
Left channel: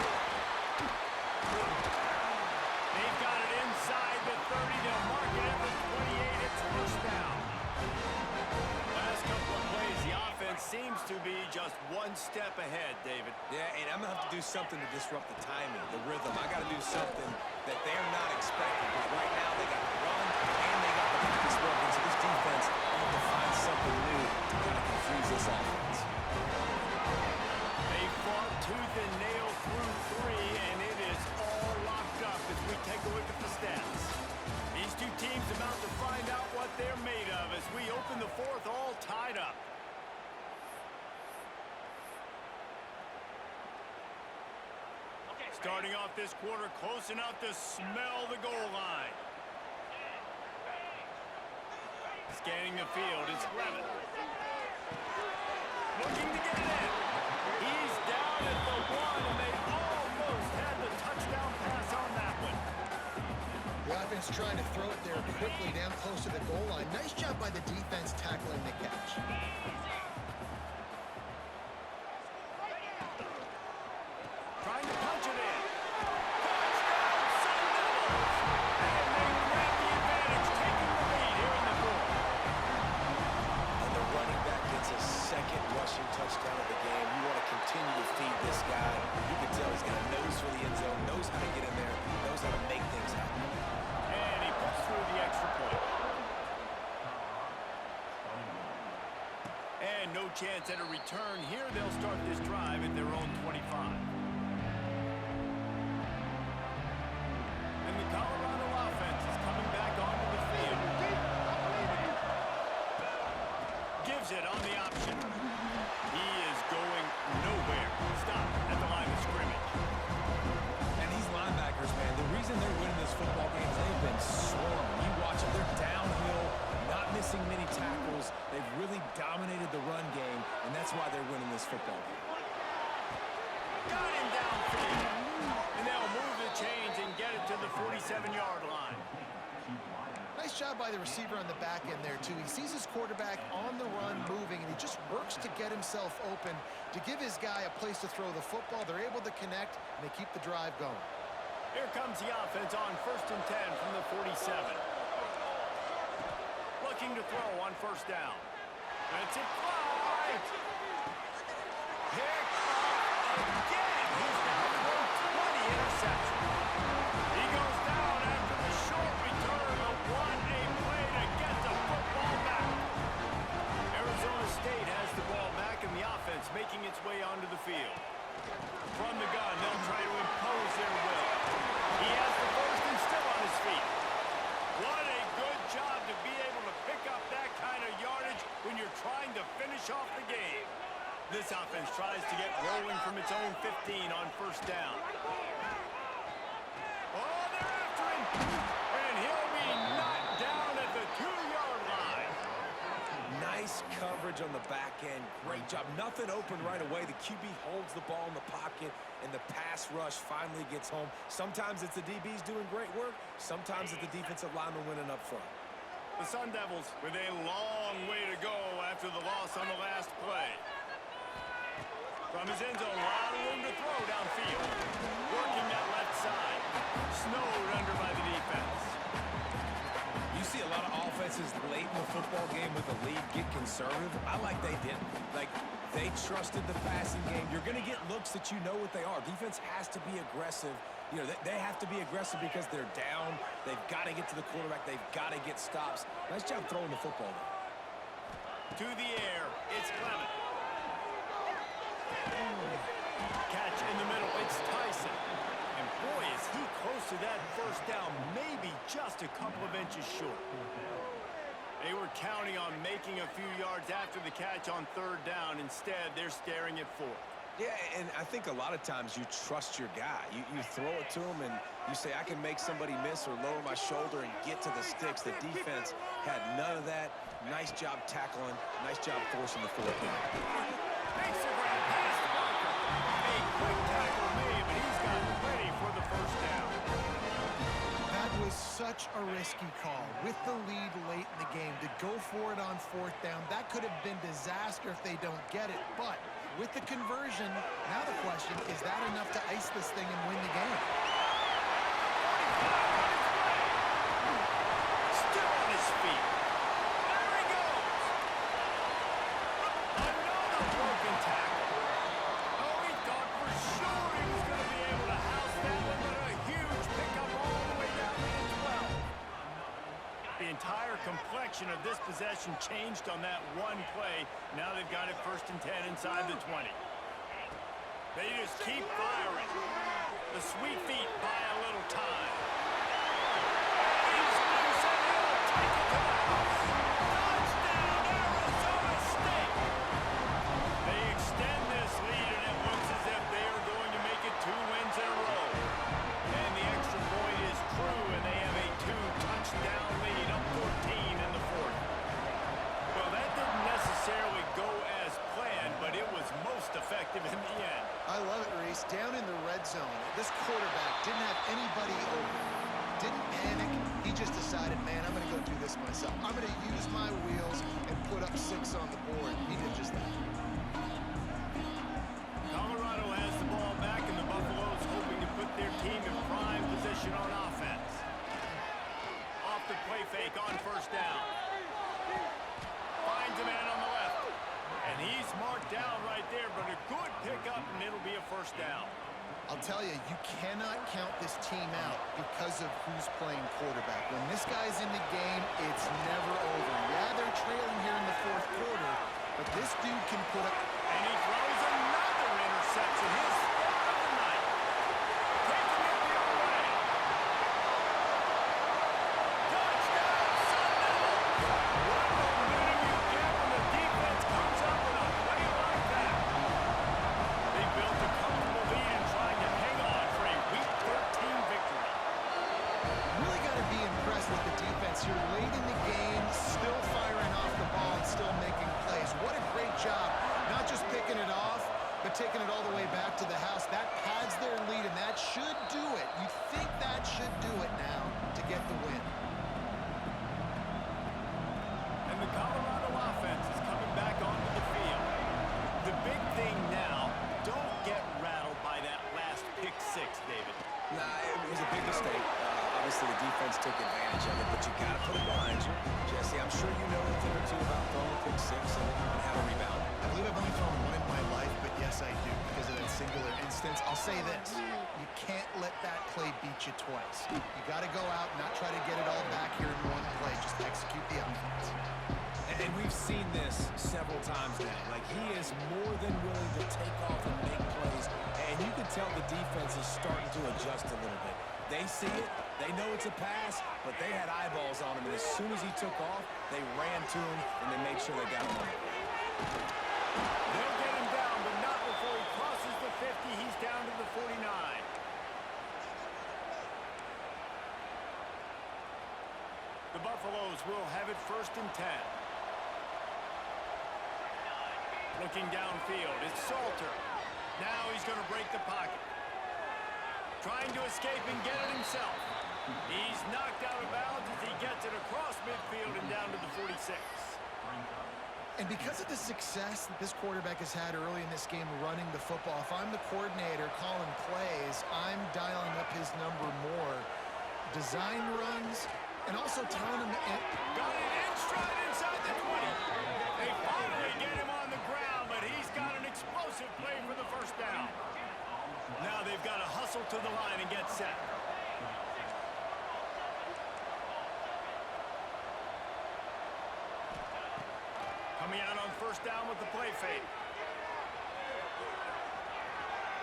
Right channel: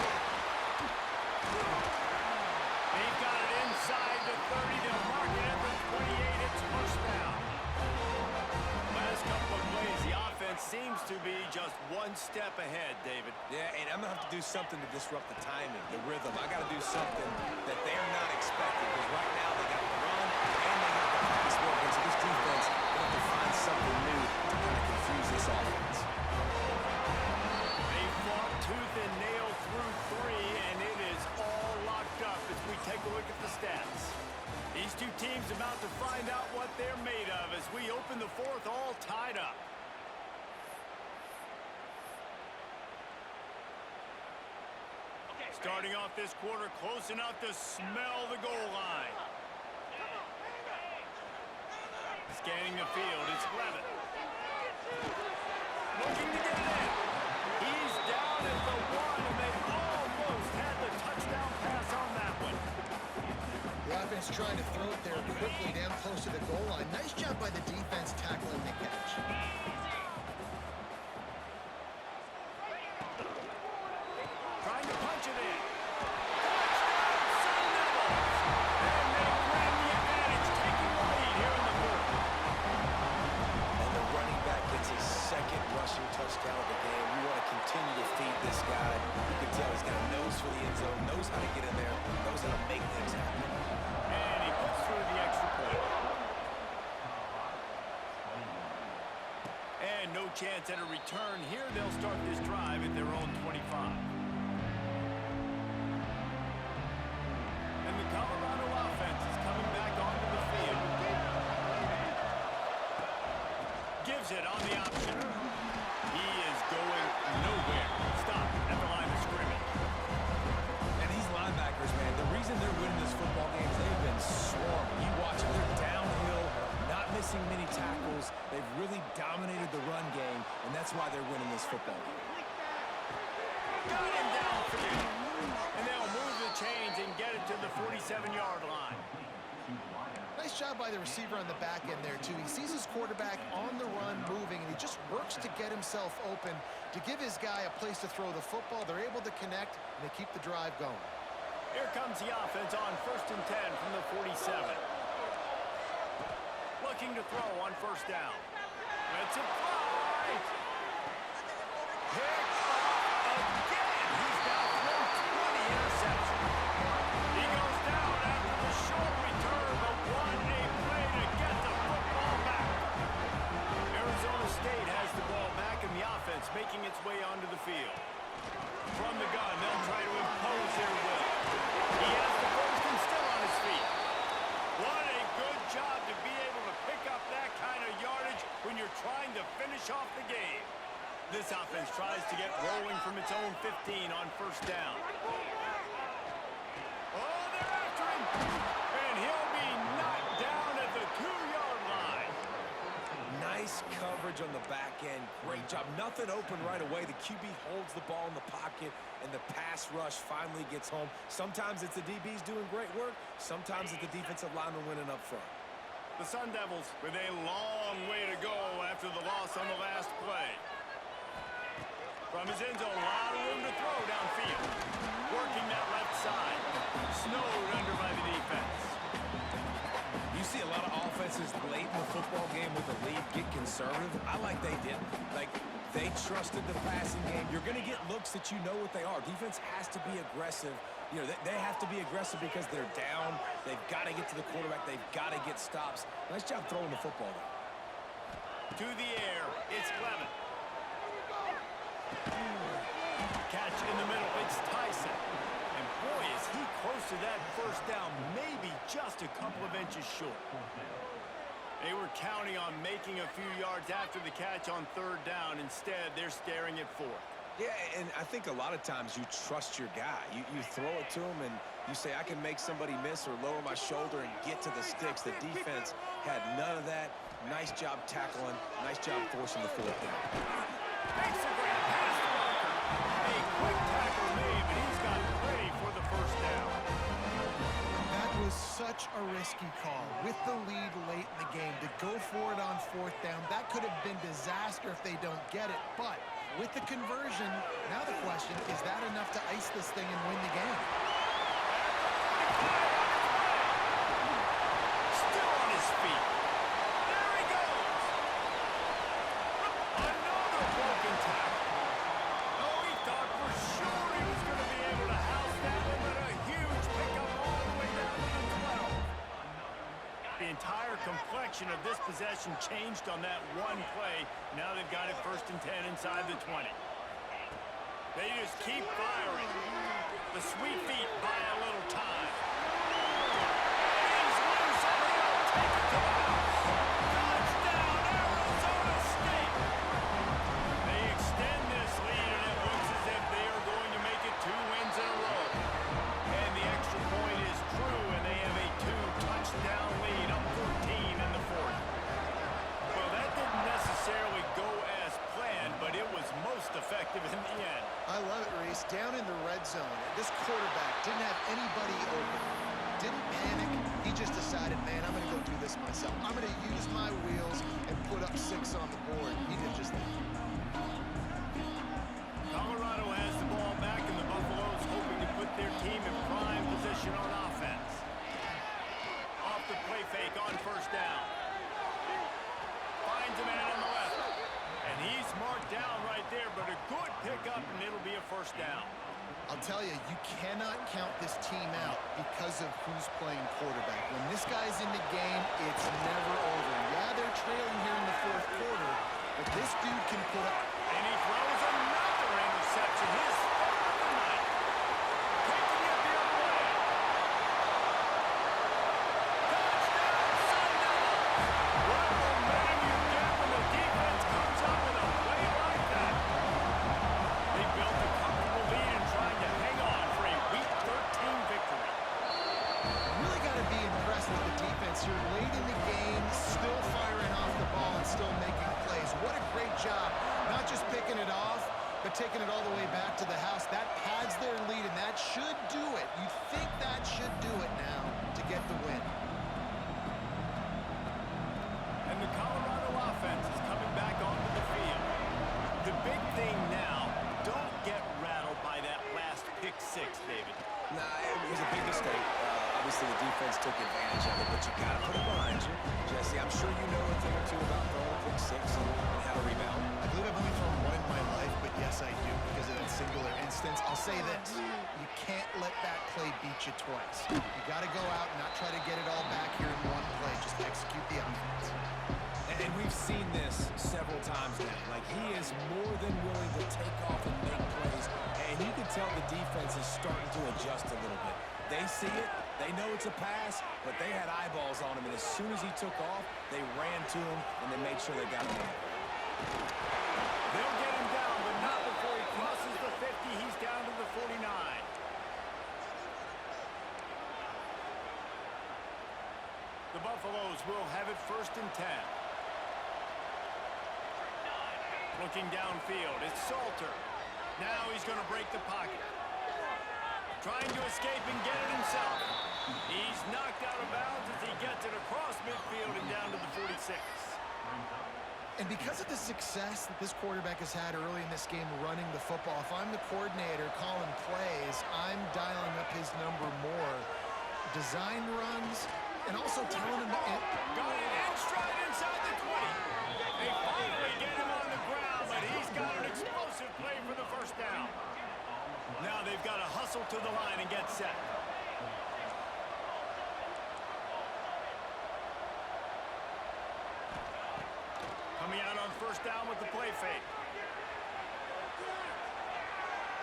They've got it inside the 30. They'll mark it at the 28. It's first down. Last couple of plays, the offense seems to be just one step ahead, David. Yeah, and I'm going to have to do something to disrupt the timing, the rhythm. I got to do something that they're not expecting, because right now they got the run and they got the pass working. So this defense, they have to find something new to kind of confuse this offense. They fought tooth and nail through 3, and it is all locked up as we take a look at the stats. These 2 teams about to find out what they're made of as we open the 4th all tied up. Starting off this quarter close enough to smell the goal line. Scanning the field, it's Levin. Looking to get it in. He's down at the 1, and they almost had the touchdown pass on that one. The offense trying to throw it there quickly down close to the goal line. Nice job by the defense tackling the catch. Trying to punch it in. Touchdown, Sun Devils! And they grab the advantage, taking the lead here in the 4th. And the running back gets his 2nd rushing touchdown of the game. You want to continue to feed this guy. You can tell he's got a nose for the end zone, knows how to get in there, knows how to make things happen. And he puts through the extra point. And no chance at a return here. They'll start this drive at their own 25. And the Colorado offense is coming back onto the field. Gives it on the option. He is going nowhere. Stop at the line of scrimmage. And these linebackers, man, the reason they're winning this football game is they've been swarming. You watch them, they're downhill, not missing many tackles. They've really dominated the run game, and that's why they're winning this football game. Got him downfield. And they'll move the chains and get it to the 47-yard line. Nice job by the receiver on the back end there, too. He sees his quarterback on the run moving, and he just works to get himself open to give his guy a place to throw the football. They're able to connect, and they keep the drive going. Here comes the offense on 1st and 10 from the 47. Looking to throw on 1st down. Lets it fly. Picked off again. He's now thrown 20 interceptions. He goes down after the short return, but what a play to get the football back. Arizona State has the ball back, and the offense making its way onto the field. From the gun, they'll try to impose their will. He has the first and still on his feet. What a good job to be able to pick up that kind of yardage when you're trying to finish off the game. This offense tries to get rolling from its own 15 on 1st down. Oh, they're after him, and he'll be knocked coverage on the back end. Great job. Nothing open right away. The QB holds the ball in the pocket, and the pass rush finally gets home. Sometimes it's the DBs doing great work. Sometimes it's the defensive lineman winning up front. The Sun Devils with a long way to go after the loss on the last play. From his end zone, a lot of room to throw downfield. Working that left side. Snowed under by the defense. You see a lot of offenses late in the football game with a lead get conservative. I like they didn't. Like, they trusted the passing game. You're going to get looks that you know what they are. Defense has to be aggressive. You know, they have to be aggressive because they're down. They've got to get to the quarterback. They've got to get stops. Nice job throwing the football, though. To the air, it's Clement. Catch in the middle, it's Tyson. And boy, is he close to that first down, maybe just a couple of inches short. They were counting on making a few yards after the catch on third down. Instead, they're staring at fourth. Yeah, and I think a lot of times you trust your guy. You throw it to him, and you say, I can make somebody miss or lower my shoulder and get to the sticks. The defense had none of that. Nice job tackling. Nice job forcing the fourth down. Makes a grab past the blocker. A quick tackle made, but he's got plenty for the first down. That was such a risky call. With the lead late in the game, to go for it on fourth down, that could have been disaster if they don't get it. But with the conversion, now the question, is that enough to ice this thing and win the game? At the 45 on his way. Still on his feet. There he goes. Another broken tackle. Oh, he thought for sure he was going to be able to house that one, but a huge pickup all the way down to the 12. The entire complexion of this possession changed on that one play. Now they've got it 1st and 10 inside the 20. They just keep firing. The sweet feet buy a little time. And he's loose, and he'll take it to the house. Touchdown, Arizona State! They extend this lead, and it looks as if they are going to make it 2 wins in a row. And the extra point is true, and they have a 2-touchdown lead, up 14 in the 4th. Well, that didn't necessarily go as planned, but it was most effective in the end. I love it, Reese. Down in the red zone, this quarterback didn't have anybody open. Didn't panic. He just decided, man, I'm going to go do this myself. I'm going to use my wheels and put up 6 on the board. He did just that. Colorado has the ball back, and the Buffaloes hoping to put their team in prime position on offense. Off the play fake on 1st down. Finds a man on the left. And he's marked down right there, but a good pickup, and it'll be a 1st down. I'll tell you, you cannot count this team out because of who's playing quarterback. When this guy's in the game, it's never over. Yeah, they're trailing here in the 4th quarter, but this dude can put up... And he throws another interception, his 3rd of the night. Taking it the other way. Touchdown, Sun Devils! What momentum you get when the defense comes up with a play like that. They built a comfortable lead and trying to hang on for a Week 13 victory. Really got to be impressed with the defense here. Late in the game, still firing off the ball and still making plays. What a great job. Not just picking it off, but taking it all the way back to the house. That pads their lead, and that should do it. You'd think that should do it now to get the win. And the Colorado offense is coming back onto the field. The big thing now, don't get rattled by that last pick 6, David. Nah, it was a big mistake. Obviously, the defense took advantage of it, but you got to put it behind you. Jesse, I'm sure you know a thing or two about throwing a pick 6 and how to rebound. I believe I've only thrown one in my life, but yes, I do, because of that singular instance. I'll say this. You can't let that play beat you twice. You got to go out and not try to get it all back here in one play. Just execute the offense. And we've seen this several times now. Like, he is more than willing to take off and make plays. And you can tell the defense is starting to adjust a little bit. They see it. They know it's a pass, but they had eyeballs on him. And as soon as he took off, they ran to him, and they made sure they got him on the way. They'll get him down, but not before he crosses the 50. He's down to the 49. The Buffaloes will have it 1st and 10. Looking downfield, it's Salter. Now he's going to break the pocket. Trying to escape and get it himself. He's knocked out of bounds as he gets it across midfield and down to the 46. And because of the success that this quarterback has had early in this game running the football, if I'm the coordinator calling plays, I'm dialing up his number more. Design runs, and also telling him... Got it in stride inside the 20. They finally get him on the ground, but he's got an explosive play for the first down. Now they've got to hustle to the line and get set. Coming out on first down with the play fake.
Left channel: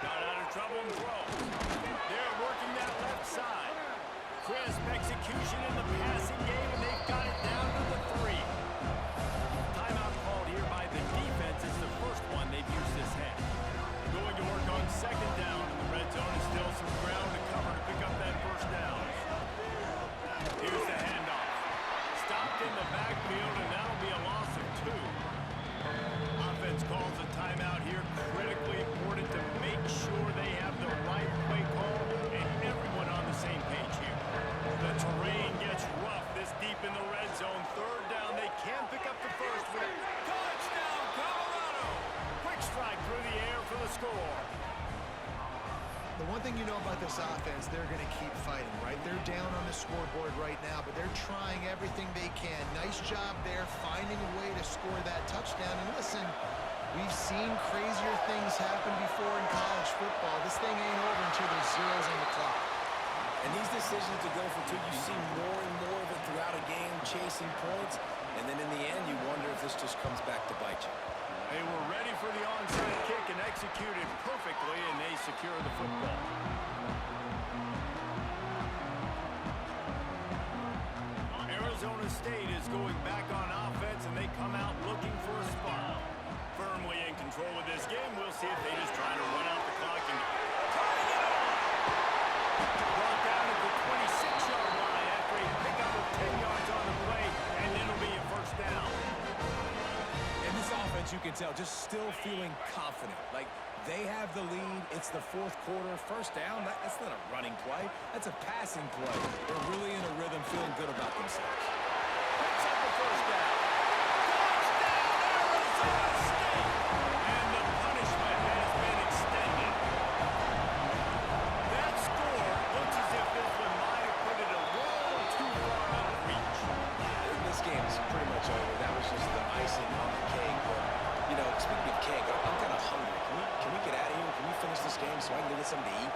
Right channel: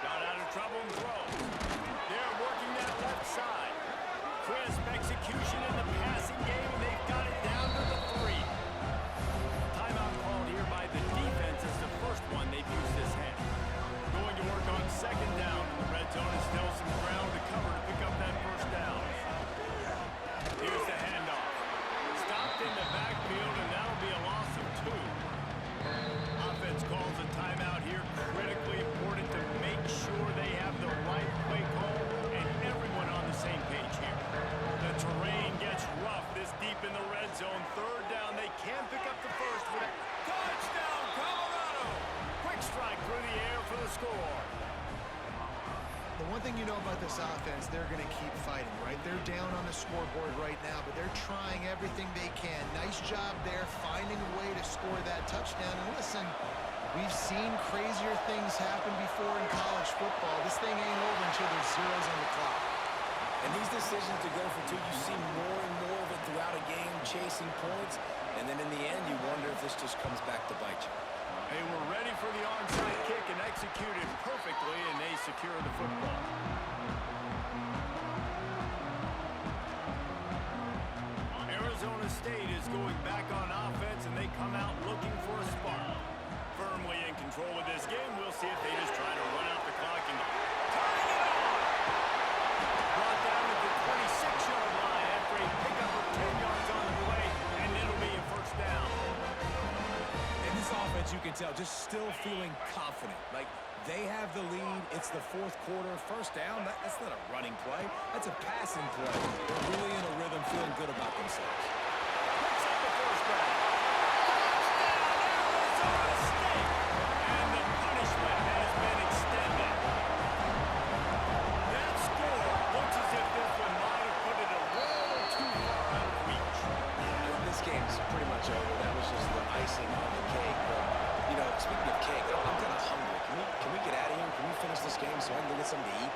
Got out of trouble and throws. They're working that left side. Crisp execution in the passing game, and they've got it down to the 3. Timeout called here by the defense. It's the first one they've used this half. Going to work on second down in the red zone, and still some ground to cover to pick up that first down. Here's the handoff. Stopped in the backfield, and that'll be a loss of 2. Offense calls a timeout here. Critically important to make sure they have the right play call and everyone on the same page here. The terrain gets rough this deep in the red zone. Third down, they can pick up the first with a touchdown, Colorado! Quick strike through the air for the score. The one thing you know about this offense, they're going to keep fighting, right? They're down on the scoreboard right now, but they're trying everything they can. Nice job there, finding a way to score that touchdown. And listen, we've seen crazier things happen before in college football. This thing ain't over until there's zeros on the clock. And these decisions to go for 2, you see more and more of it throughout a game, chasing points. And then in the end, you wonder if this just comes back to bite you. They were ready for the onside kick and executed perfectly, and they secure the football. Arizona State is going back on offense, and they come out looking for a spark. Firmly in control of this game. We'll see if they just try to run out the clock and turning it on. Brought down at the 26-yard line after a pickup of 10 yards on the play, and it'll be a first down. And this offense, you can tell, just still feeling confident. Like, they have the lead. It's the fourth quarter. First down, that's not a running play. That's a passing play. They're really in a rhythm, feeling good about themselves. Picks up the first down. Touchdown, Arizona State! And the punishment has been extended. That score looks as if this one might have put it a little too far out of reach. Yeah, this game's pretty much over. That was just the icing on the cake. But, you know, speaking of cake, I'm kind of hungry. Can we get out of here? Can we finish this game so I can go get something to eat?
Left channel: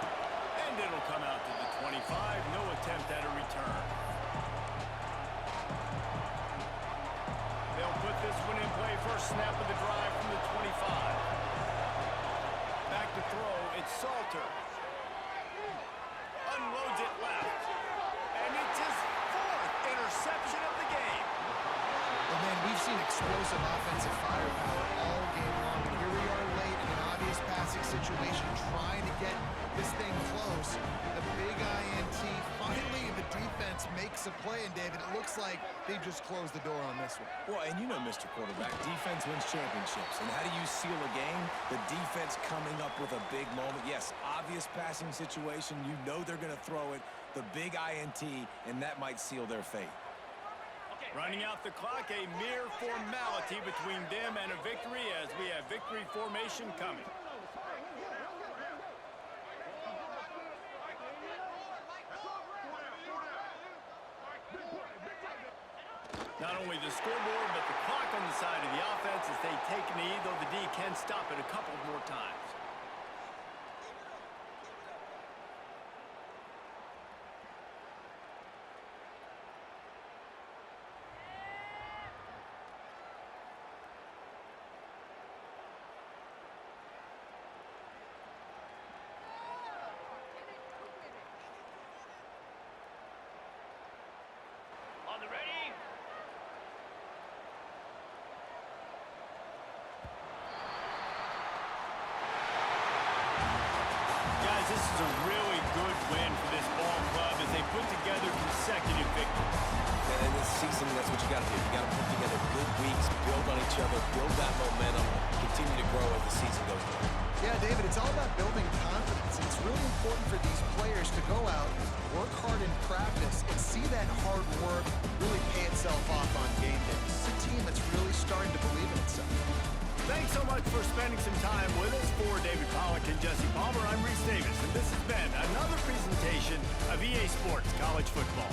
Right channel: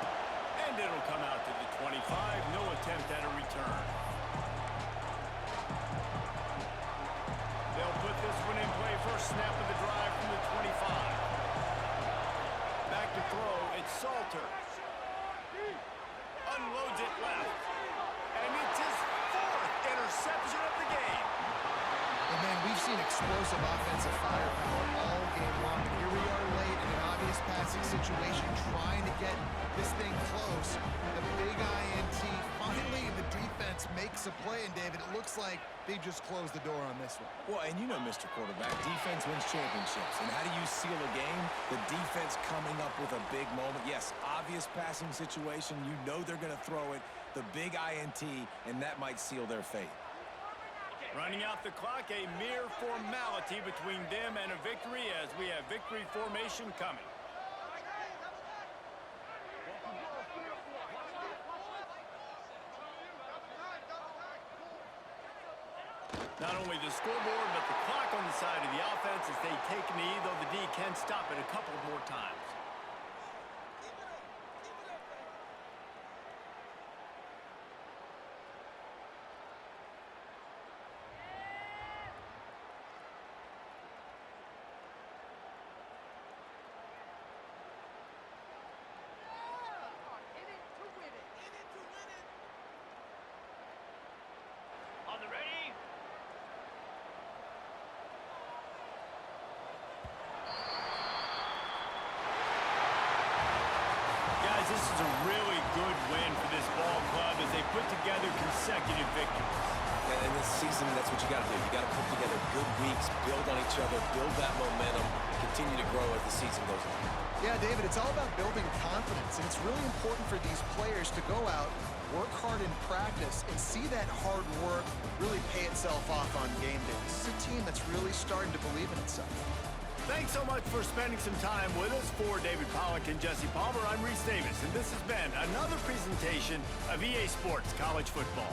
And it'll come out to the 25. No attempt at a return. They'll put this one in play. First snap of the drive from the 25. Back to throw. It's Salter. Unloads it left. And it's his 4th interception of the game. And then we've seen explosive offensive firepower all game long. And here we are late in an obvious passing situation, trying to get this thing close. The big INT. Finally, the defense makes a play. And, David, it looks like they've just closed the door on this one. Well, and you know, Mr. Quarterback, defense wins championships. And how do you seal a game? The defense coming up with a big moment. Yes, obvious passing situation. You know they're going to throw it. The big INT, and that might seal their fate. Running out the clock, a mere formality between them and a victory as we have victory formation coming. Not only the scoreboard, but the clock on the side of the offense as they take a knee, though the D can stop it a couple more times. On the ready? Guys, this is a really good win for this ball club as they put together consecutive victories. And it's season, that's what you got to do. You got to put together good weeks, build on each other, build that momentum, continue to grow as the season goes on. Yeah, David, it's all about building confidence, and it's really important for these players to go out, work hard in practice, and see that hard work really pay itself off on game day. This is a team that's really starting to believe in itself. Thanks so much for spending some time with us. For David Pollack and Jesse Palmer, I'm Reese Davis, and this has been another presentation of EA Sports College Football.